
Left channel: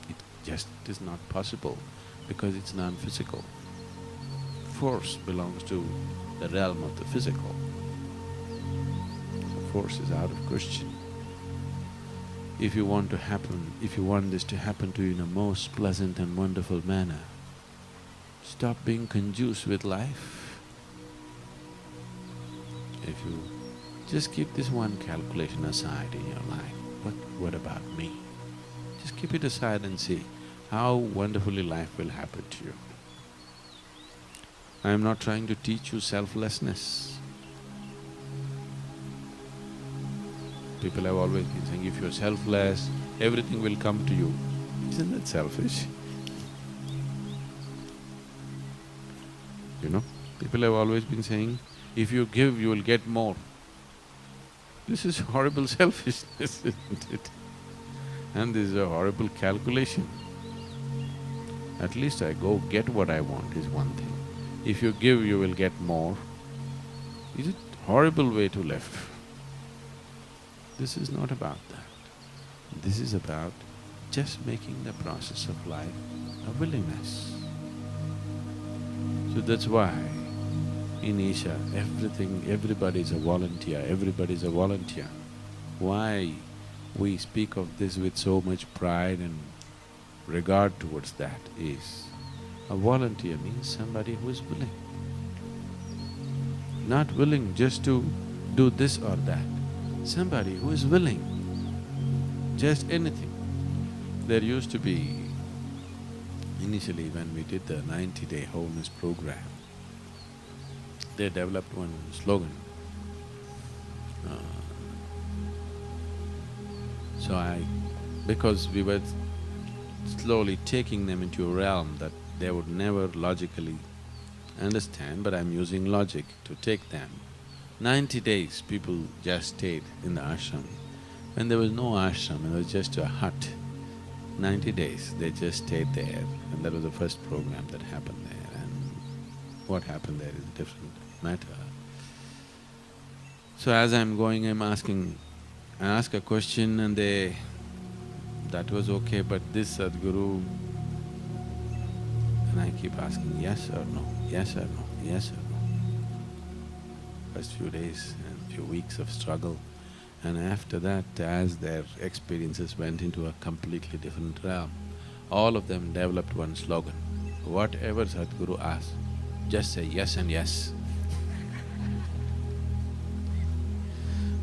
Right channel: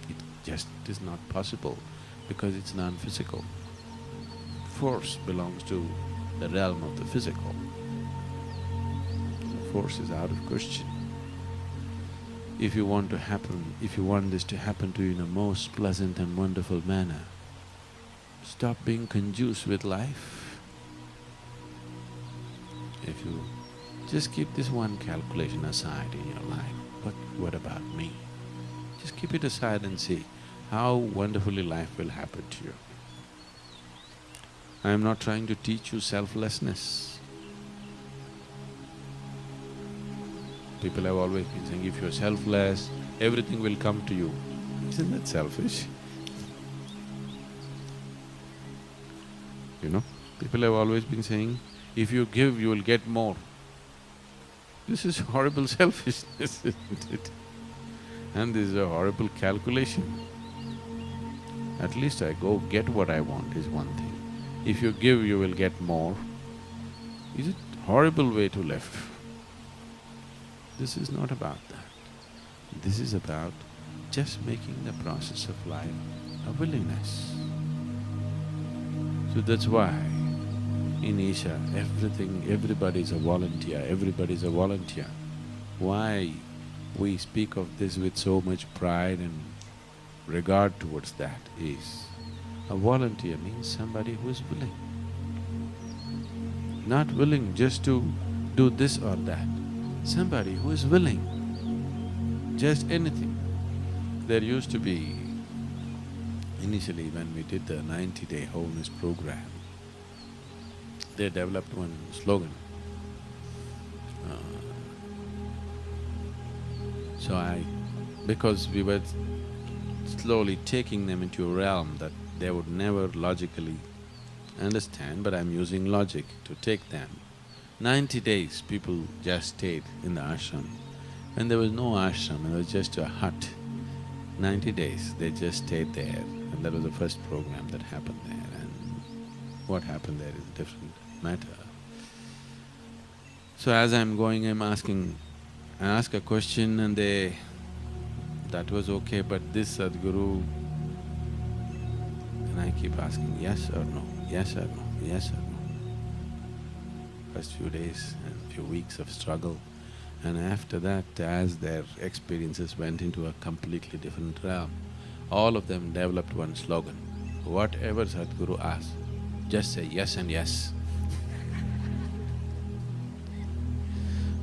It just is not possible because it's non-physical. Force belongs to the realm of the physical. So force is out of question. If you want this to happen to you in a most pleasant and wonderful manner, stop being conducive with life. If you just keep this one calculation aside in your life, what about me? Just keep it aside and see how wonderfully life will happen to you. I am not trying to teach you selflessness. People have always been saying, if you're selfless, everything will come to you. Isn't that selfish? You know, people have always been saying, if you give, you will get more. This is horrible selfishness, isn't it? And this is a horrible calculation. At least I go get what I want is one thing. If you give, you will get more. Is it horrible way to live? This is not about that. This is about just making the process of life a willingness. So that's why in Isha, everybody is a volunteer, everybody is a volunteer. Why we speak of this with so much pride and regard towards that is, a volunteer means somebody who is willing. Not willing just to do this or that, somebody who is willing, just anything. There used to be, initially when we did the 90-day wholeness program, they developed one slogan. Because we were slowly taking them into a realm that they would never logically understand, but I'm using logic to take them. 90 days people just stayed in the ashram. When there was no ashram, it was just a hut. 90 days they just stayed there, and that was the first program that happened there, and what happened there is a different matter. So as I'm going, I'm asking, I ask a question and that was okay, but this Sadhguru, and I keep asking yes or no, yes or no, yes or no. First few days and few weeks of struggle, and after that, as their experiences went into a completely different realm, all of them developed one slogan, whatever Sadhguru asks, just say yes and yes.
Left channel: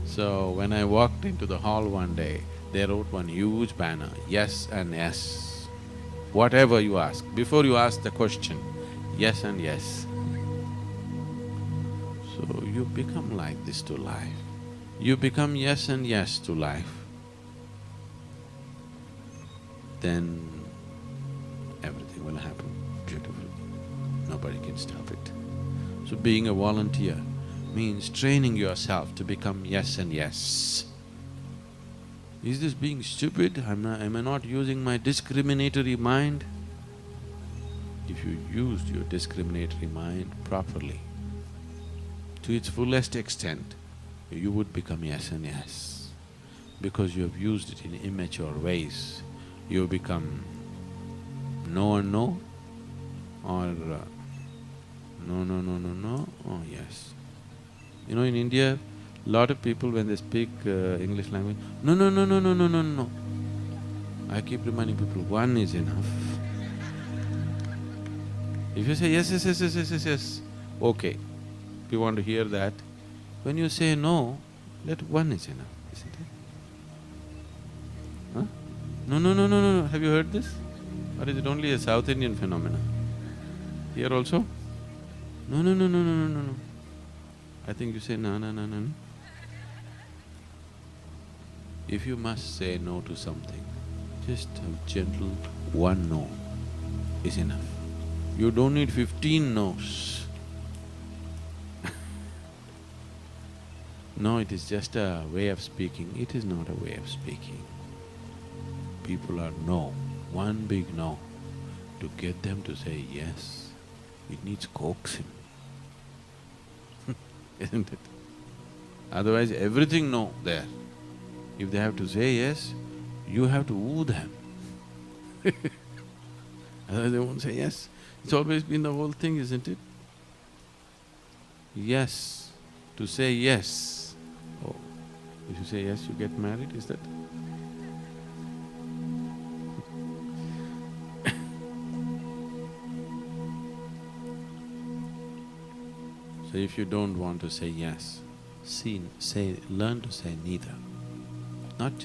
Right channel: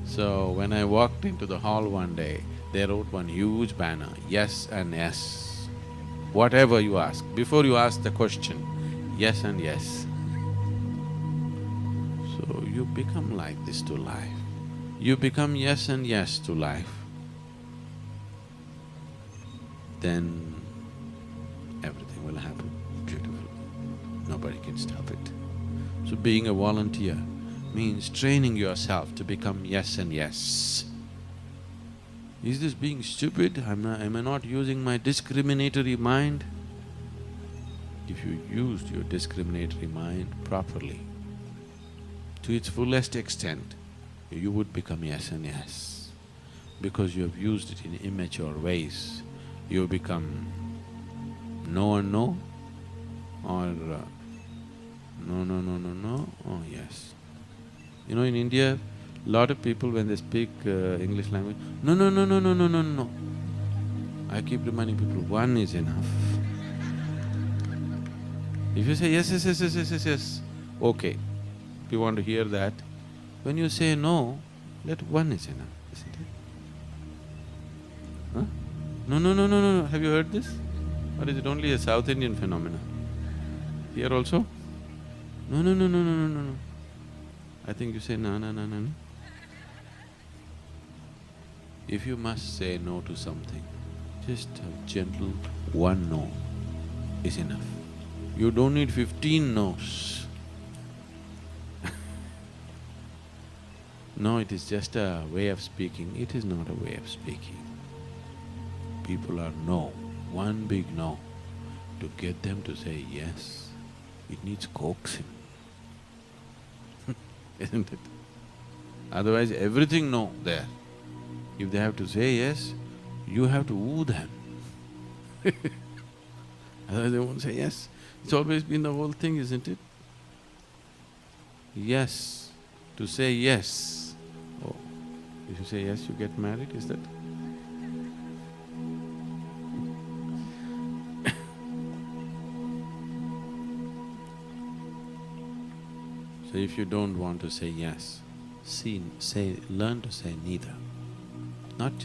So when I walked into the hall one day, they wrote one huge banner, yes and yes. whatever you ask, before you ask the question, yes and yes. So you become like this to life. You become yes and yes to life, then everything will happen beautifully. Nobody can stop it. So being a volunteer means training yourself to become yes and yes. Is this being stupid? Am I not using my discriminatory mind? If you used your discriminatory mind properly, to its fullest extent, you would become yes and yes. Because you have used it in immature ways, you become no and no, or no, no, no, no, no, oh yes. You know, in India, lot of people when they speak English language, no, no, no, no, no, no, no, no. I keep reminding people, one is enough. If you say yes, yes, yes, yes, yes, yes, yes, okay, we want to hear that. When you say no, let one is enough, isn't it? Huh? No, no, no, no, no, have you heard this? Or is it only a South Indian phenomenon? Here also? No, no, no, no, no, no, no, no. I think you say no, no, no, no, no. If you must say no to something, just a gentle one no is enough. You don't need 15 no's. No, it is just a way of speaking. It is not a way of speaking. People are no, one big no. To get them to say yes, it needs coaxing, isn't it? Otherwise, everything no there. If they have to say yes, you have to woo them. Otherwise they won't say yes. It's always been the whole thing, isn't it? Yes, to say yes. Oh, if you say yes, you get married, is that? So if you don't want to say yes, learn to say neither.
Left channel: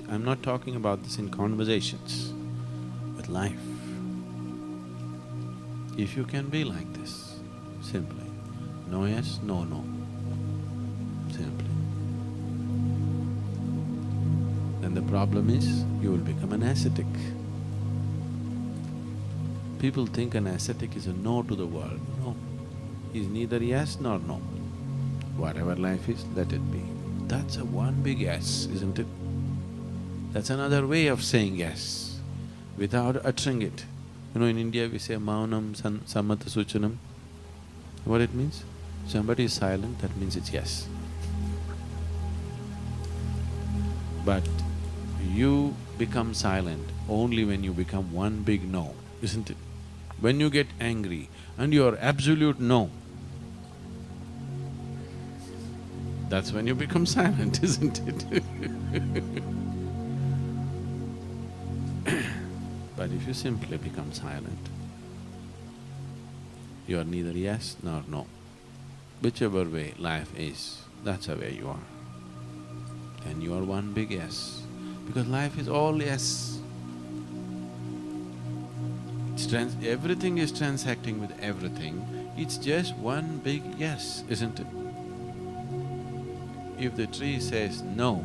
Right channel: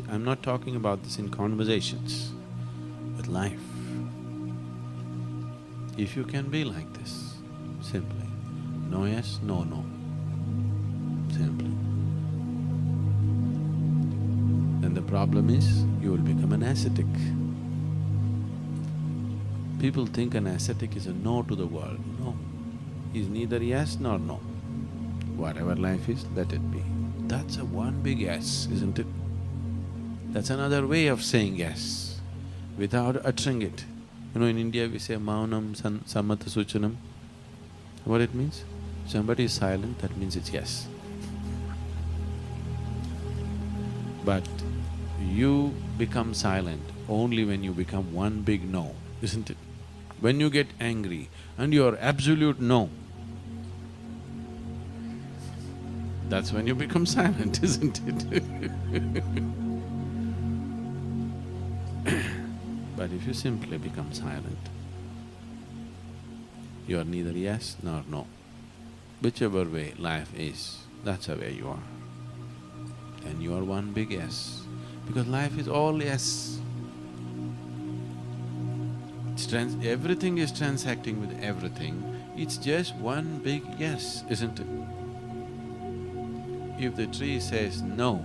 I'm not talking about this in conversations, with life. If you can be like this, simply, no yes, no no, simply. Then the problem is, you will become an ascetic. People think an ascetic is a no to the world. No, he's neither yes nor no. Whatever life is, let it be. That's a one big yes, isn't it? That's another way of saying yes, without uttering it. You know, in India we say maunam sammata suchanam. What it means? Somebody is silent, that means it's yes. But you become silent only when you become one big no, isn't it? When you get angry and you're absolute no, that's when you become silent, isn't it? But if you simply become silent, you are neither yes nor no. Whichever way life is, that's the way you are. Then you are one big yes, because life is all yes. Everything is transacting with everything, it's just one big yes, isn't it? If the tree says no,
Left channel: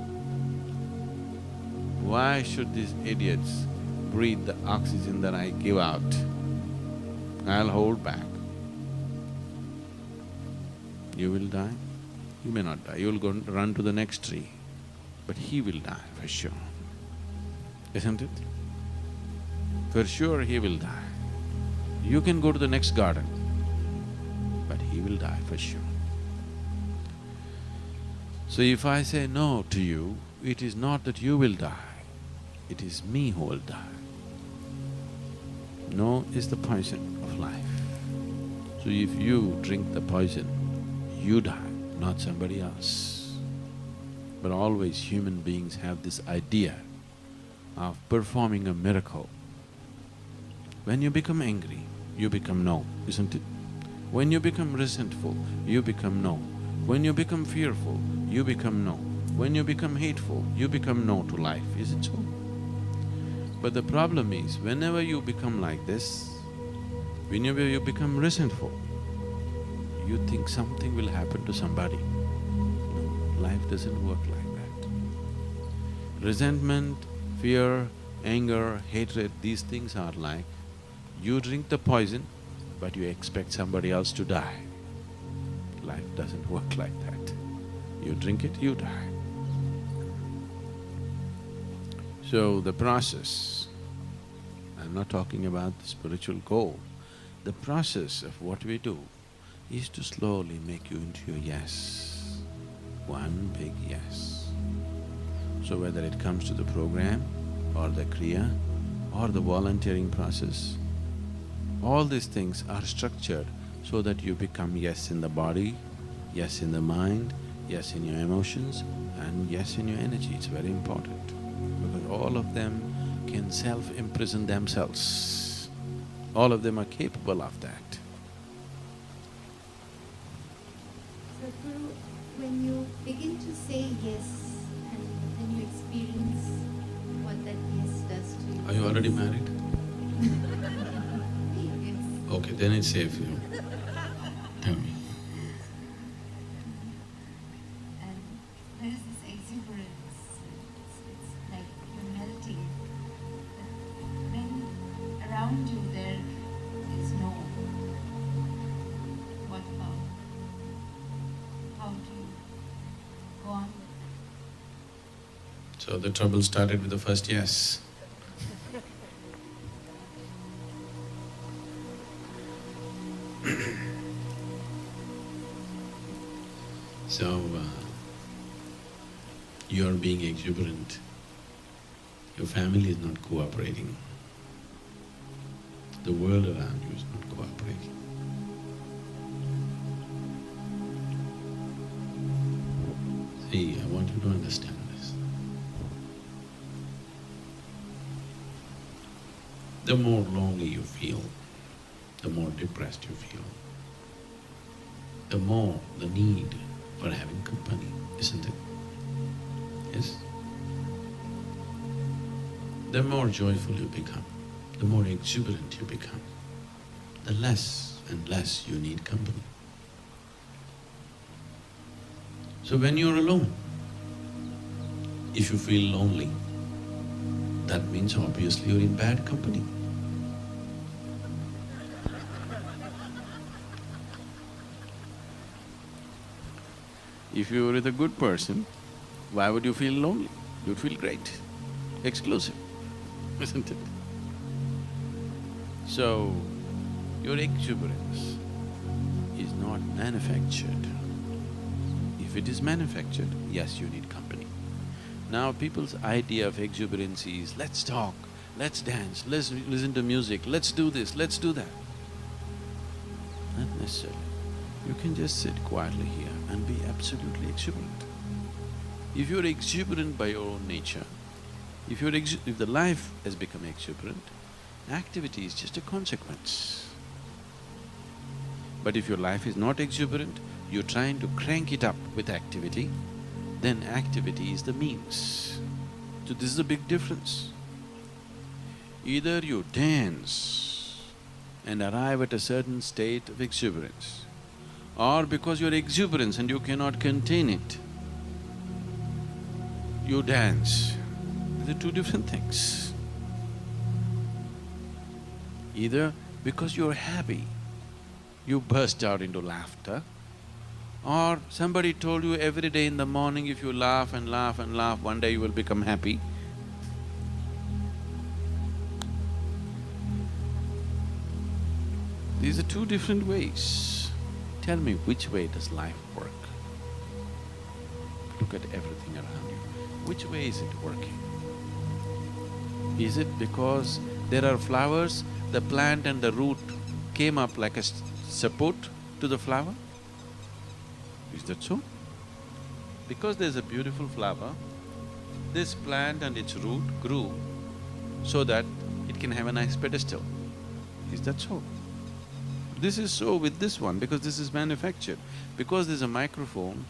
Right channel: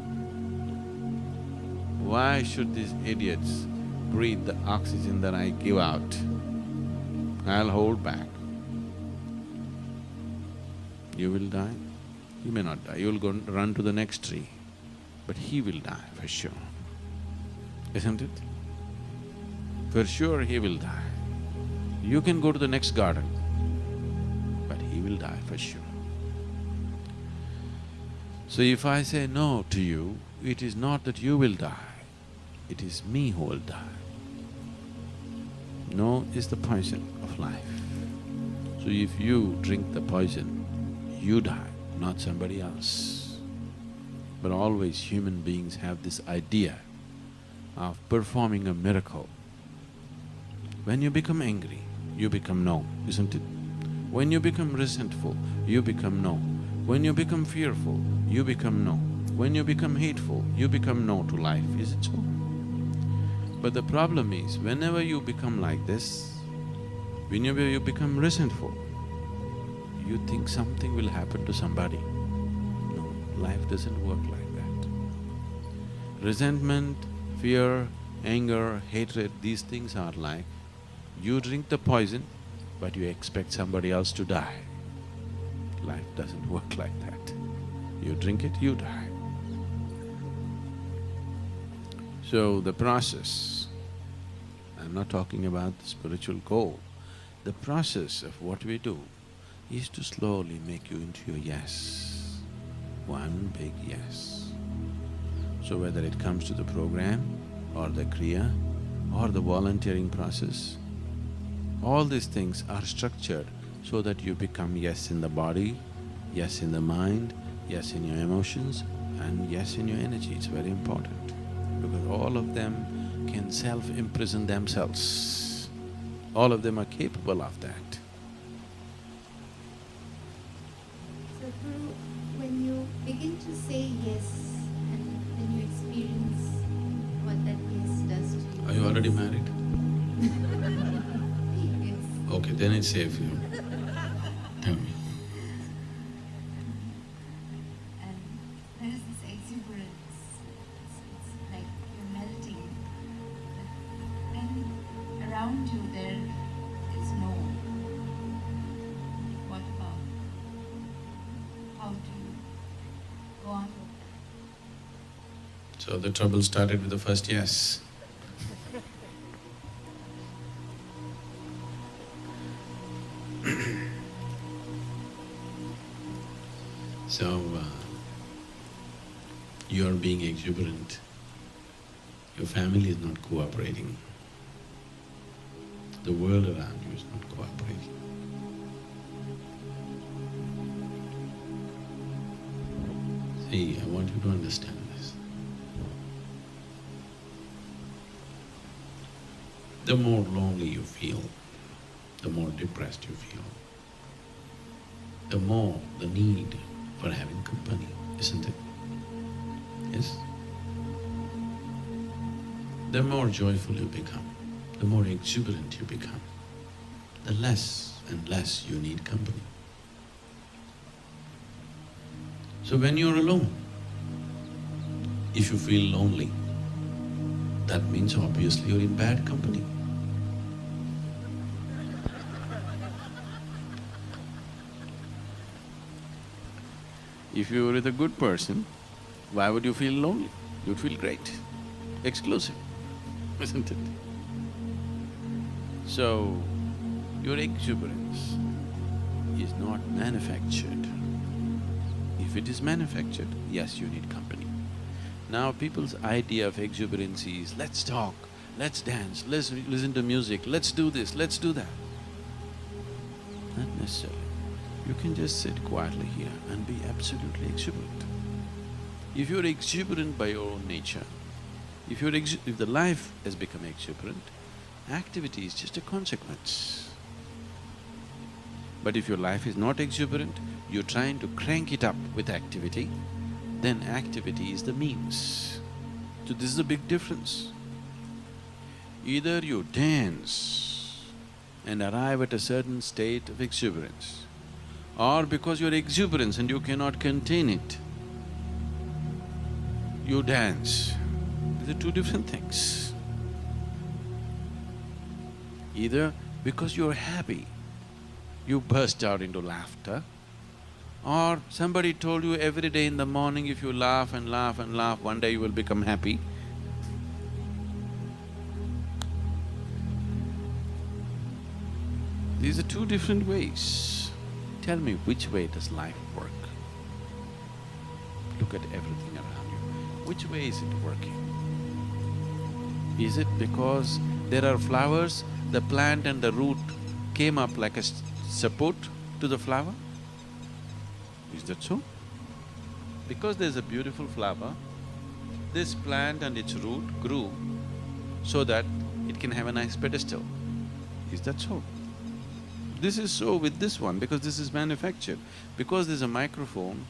why should these idiots breathe the oxygen that I give out? I'll hold back. You will die, you may not die, you will go and run to the next tree, but he will die for sure, isn't it? For sure he will die. You can go to the next garden, but he will die for sure. So if I say no to you, it is not that you will die, it is me who will die. No is the poison of life. So if you drink the poison, you die, not somebody else. But always human beings have this idea of performing a miracle. When you become angry, you become no, isn't it? When you become resentful, you become no. When you become fearful, you become no. When you become hateful, you become no to life, is it so? But the problem is, whenever you become like this, whenever you become resentful, you think something will happen to somebody. No, life doesn't work like that. Resentment, fear, anger, hatred, these things are like you drink the poison, but you expect somebody else to die. Life doesn't work like that. You drink it, you die. So the process, I'm not talking about the spiritual goal, the process of what we do is to slowly make you into a yes, one big yes. So whether it comes to the program or the kriya or the volunteering process, all these things are structured so that you become yes in the body, yes in the mind, yes in your emotions, and yes in your energy. It's very important because all of them can self-imprison themselves. All of them are capable of that. Sadhguru, when you begin to say yes and then you experience what that yes does to you… Are you already married? Yes. Okay, then it's safe, you know. Tell me. And there is this exuberance, it's like you're melting. But then around you there is no. What about? How do you go on with that? So the trouble started with the first yes. So, you're being exuberant, your family is not cooperating, the world around you is not cooperating. See, I want you to understand this. The more lonely you feel, the more depressed you feel, the more the need for having company, isn't it? Yes? The more joyful you become, the more exuberant you become, the less and less you need company. So when you're alone, if you feel lonely, that means obviously you're in bad company. If you were with a good person, why would you feel lonely? You'd feel great, exclusive, isn't it? So, your exuberance is not manufactured. If it is manufactured, yes, you need company. Now people's idea of exuberance is, let's talk, let's dance, let's listen to music, let's do this, let's do that. Not necessarily. You can just sit quietly here and be absolutely exuberant. If you're exuberant by your own nature, if the life has become exuberant, activity is just a consequence. But if your life is not exuberant, you're trying to crank it up with activity, then activity is the means. So this is a big difference. Either you dance and arrive at a certain state of exuberance, or because you're exuberant and you cannot contain it, you dance. These are two different things. Either because you're happy, you burst out into laughter, or somebody told you every day in the morning if you laugh and laugh and laugh, one day you will become happy. These are two different ways. Tell me, which way does life work? Look at everything around you. Which way is it working? Is it because there are flowers, the plant and the root came up like a support to the flower? Is that so? Because there's a beautiful flower, this plant and its root grew so that it can have a nice pedestal. Is that so? This is so with this one because this is manufactured. Because there's a microphone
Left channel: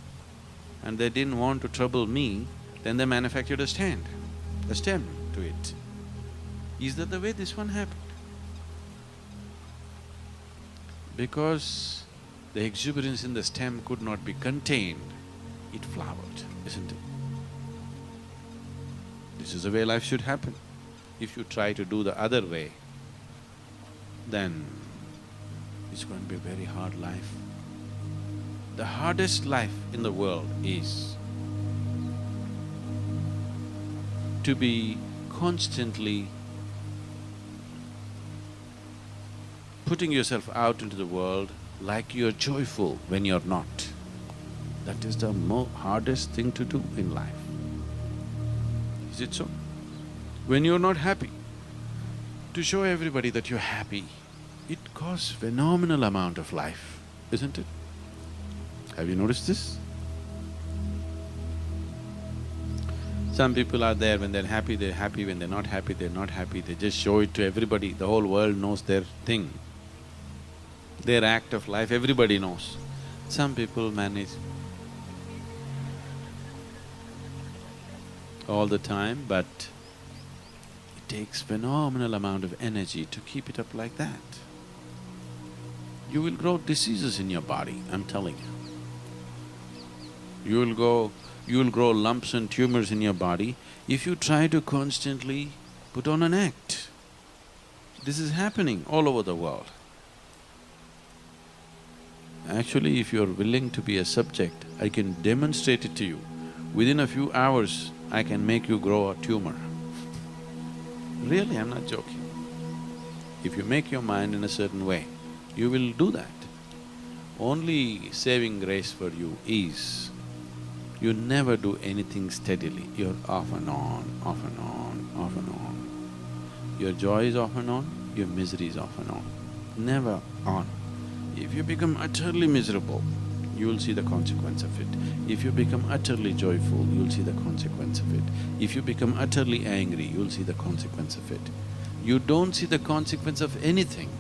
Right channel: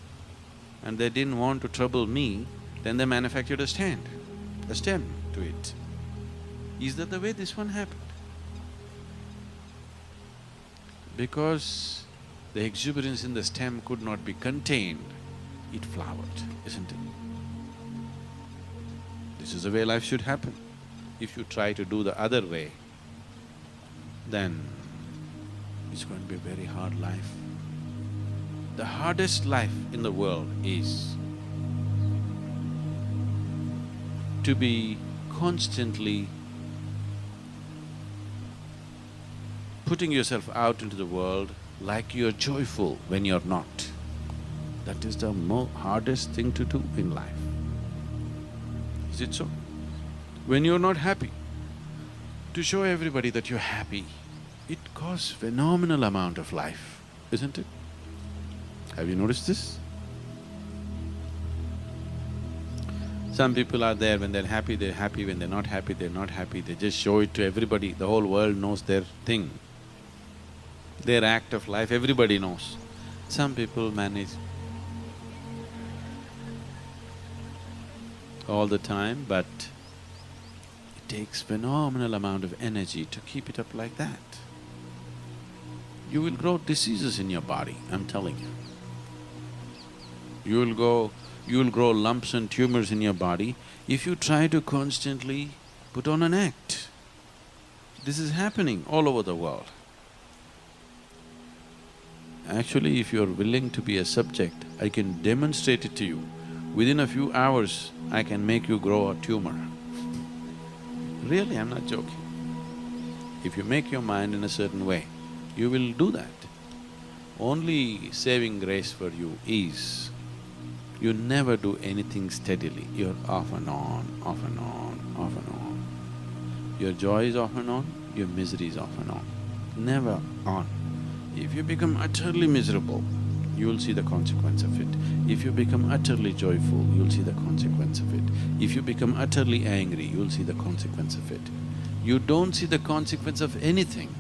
and they didn't want to trouble me, then they manufactured a stem to it. Is that the way this one happened? Because the exuberance in the stem could not be contained, it flowered, isn't it? This is the way life should happen. If you try to do the other way, then it's going to be a very hard life. The hardest life in the world is to be constantly putting yourself out into the world like you're joyful when you're not. That is the hardest thing to do in life. Is it so? When you're not happy, to show everybody that you're happy, it costs phenomenal amount of life, isn't it? Have you noticed this? Some people are there, when they're happy, when they're not happy, they're not happy, they just show it to everybody, the whole world knows their thing. Their act of life, everybody knows. Some people manage all the time, but it takes phenomenal amount of energy to keep it up like that. You will grow diseases in your body, I'm telling you. You will grow lumps and tumors in your body if you try to constantly put on an act. This is happening all over the world. Actually, if you're willing to be a subject, I can demonstrate it to you. Within a few hours, I can make you grow a tumor. Really, I'm not joking. If you make your mind in a certain way, you will do that. Only saving grace for you is, you never do anything steadily, you're off and on, off and on, off and on. Your joy is off and on, your misery is off and on, never on. If you become utterly miserable, you will see the consequence of it. If you become utterly joyful, you'll see the consequence of it. If you become utterly angry, you'll see the consequence of it. You don't see the consequence of anything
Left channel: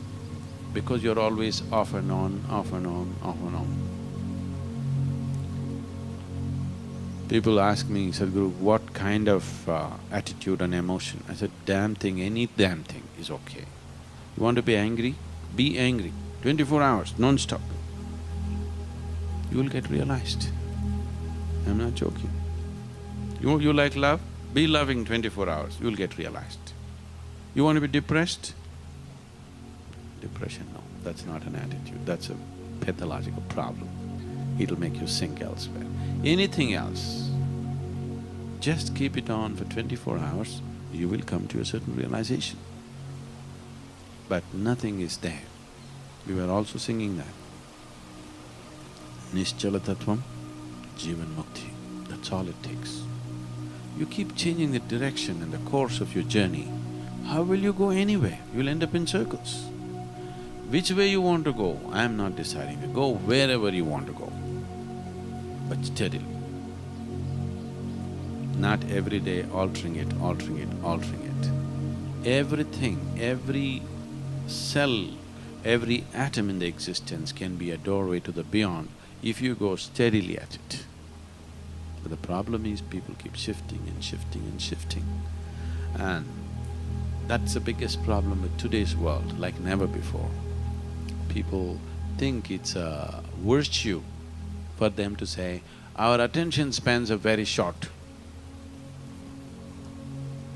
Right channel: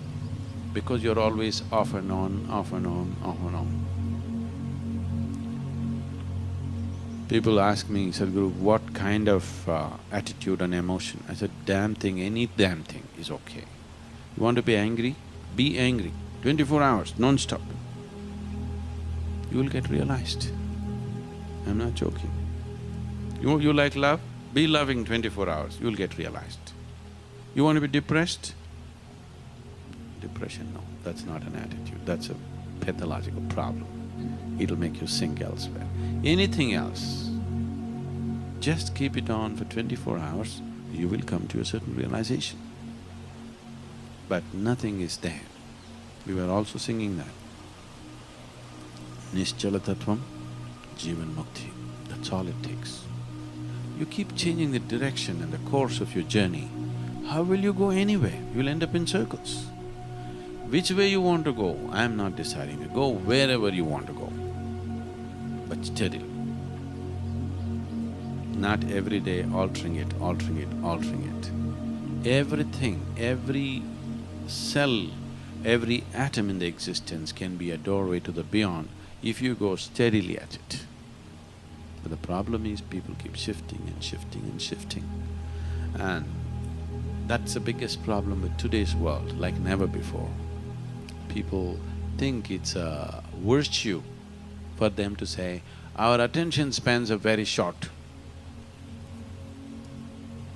because you're always off and on, off and on, off and on. People ask me, Sadhguru, what kind of attitude and emotion? I said, damn thing, any damn thing is okay. You want to be angry? Be angry. 24 hours, non-stop. You will get realized. I'm not joking. You like love? Be loving 24 hours, you'll get realized. You want to be depressed? Depression, no, that's not an attitude, that's a pathological problem. It'll make you sink elsewhere. Anything else, just keep it on for 24 hours, you will come to a certain realization. But nothing is there. We were also singing that. Nischala tattvam, jivan mukti, that's all it takes. You keep changing the direction and the course of your journey, how will you go anywhere? You'll end up in circles. Which way you want to go, I'm not deciding. You go wherever you want to go, but steadily. Not every day altering it, altering it, altering it. Everything, every cell, every atom in the existence can be a doorway to the beyond if you go steadily at it. But the problem is people keep shifting and shifting and shifting. And that's the biggest problem with today's world, like never before. People think it's a virtue for them to say, our attention spans are very short.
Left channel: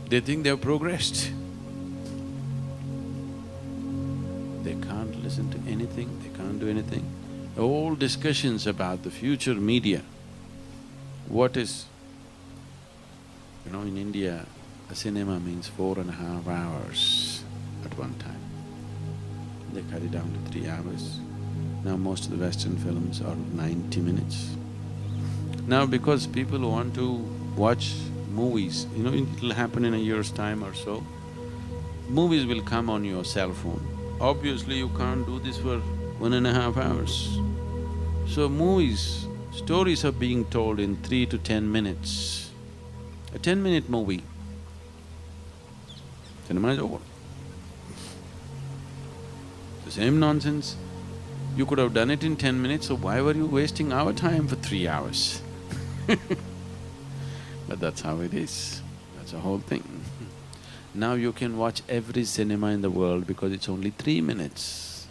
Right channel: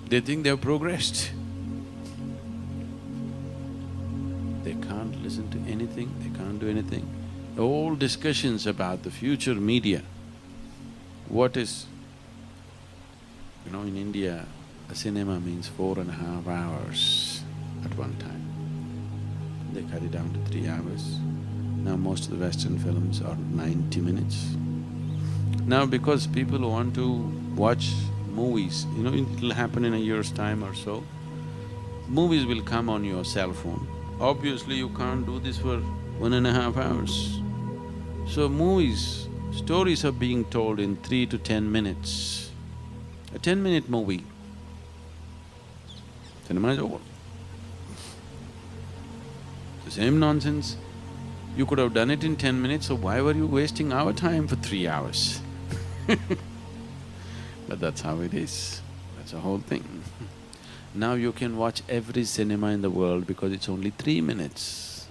They think they've progressed. They can't listen to anything, they can't do anything. All discussions about the future media, what is… in India, a cinema means 4.5 hours at one time. They cut it down to 3 hours. Now most of the Western films are 90 minutes. Now because people want to watch movies, it'll happen in a year's time or so, movies will come on your cell phone. Obviously you can't do this for 1.5 hours. So movies, stories are being told in 3 to 10 minutes. A 10-minute movie, cinema is over. The same nonsense, you could have done it in 10 minutes, so why were you wasting our time for 3 hours? But that's how it is, that's the whole thing. Now you can watch every cinema in the world because it's only 3 minutes.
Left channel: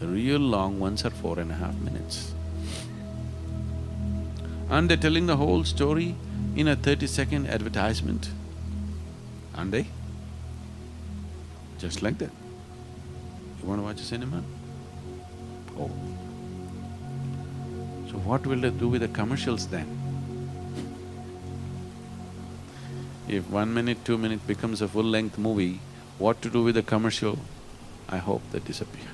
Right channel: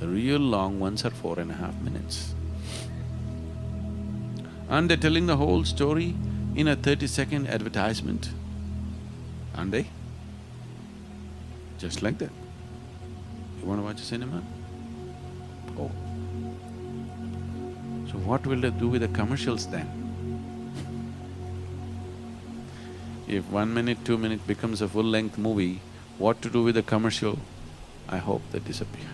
The real long ones are 4.5 minutes. And they're telling the whole story in a 30-second advertisement, aren't they? Just like that. You want to watch a cinema? Oh. So what will they do with the commercials then? If 1 minute, 2 minute becomes a full-length movie, what to do with the commercial? I hope they disappear.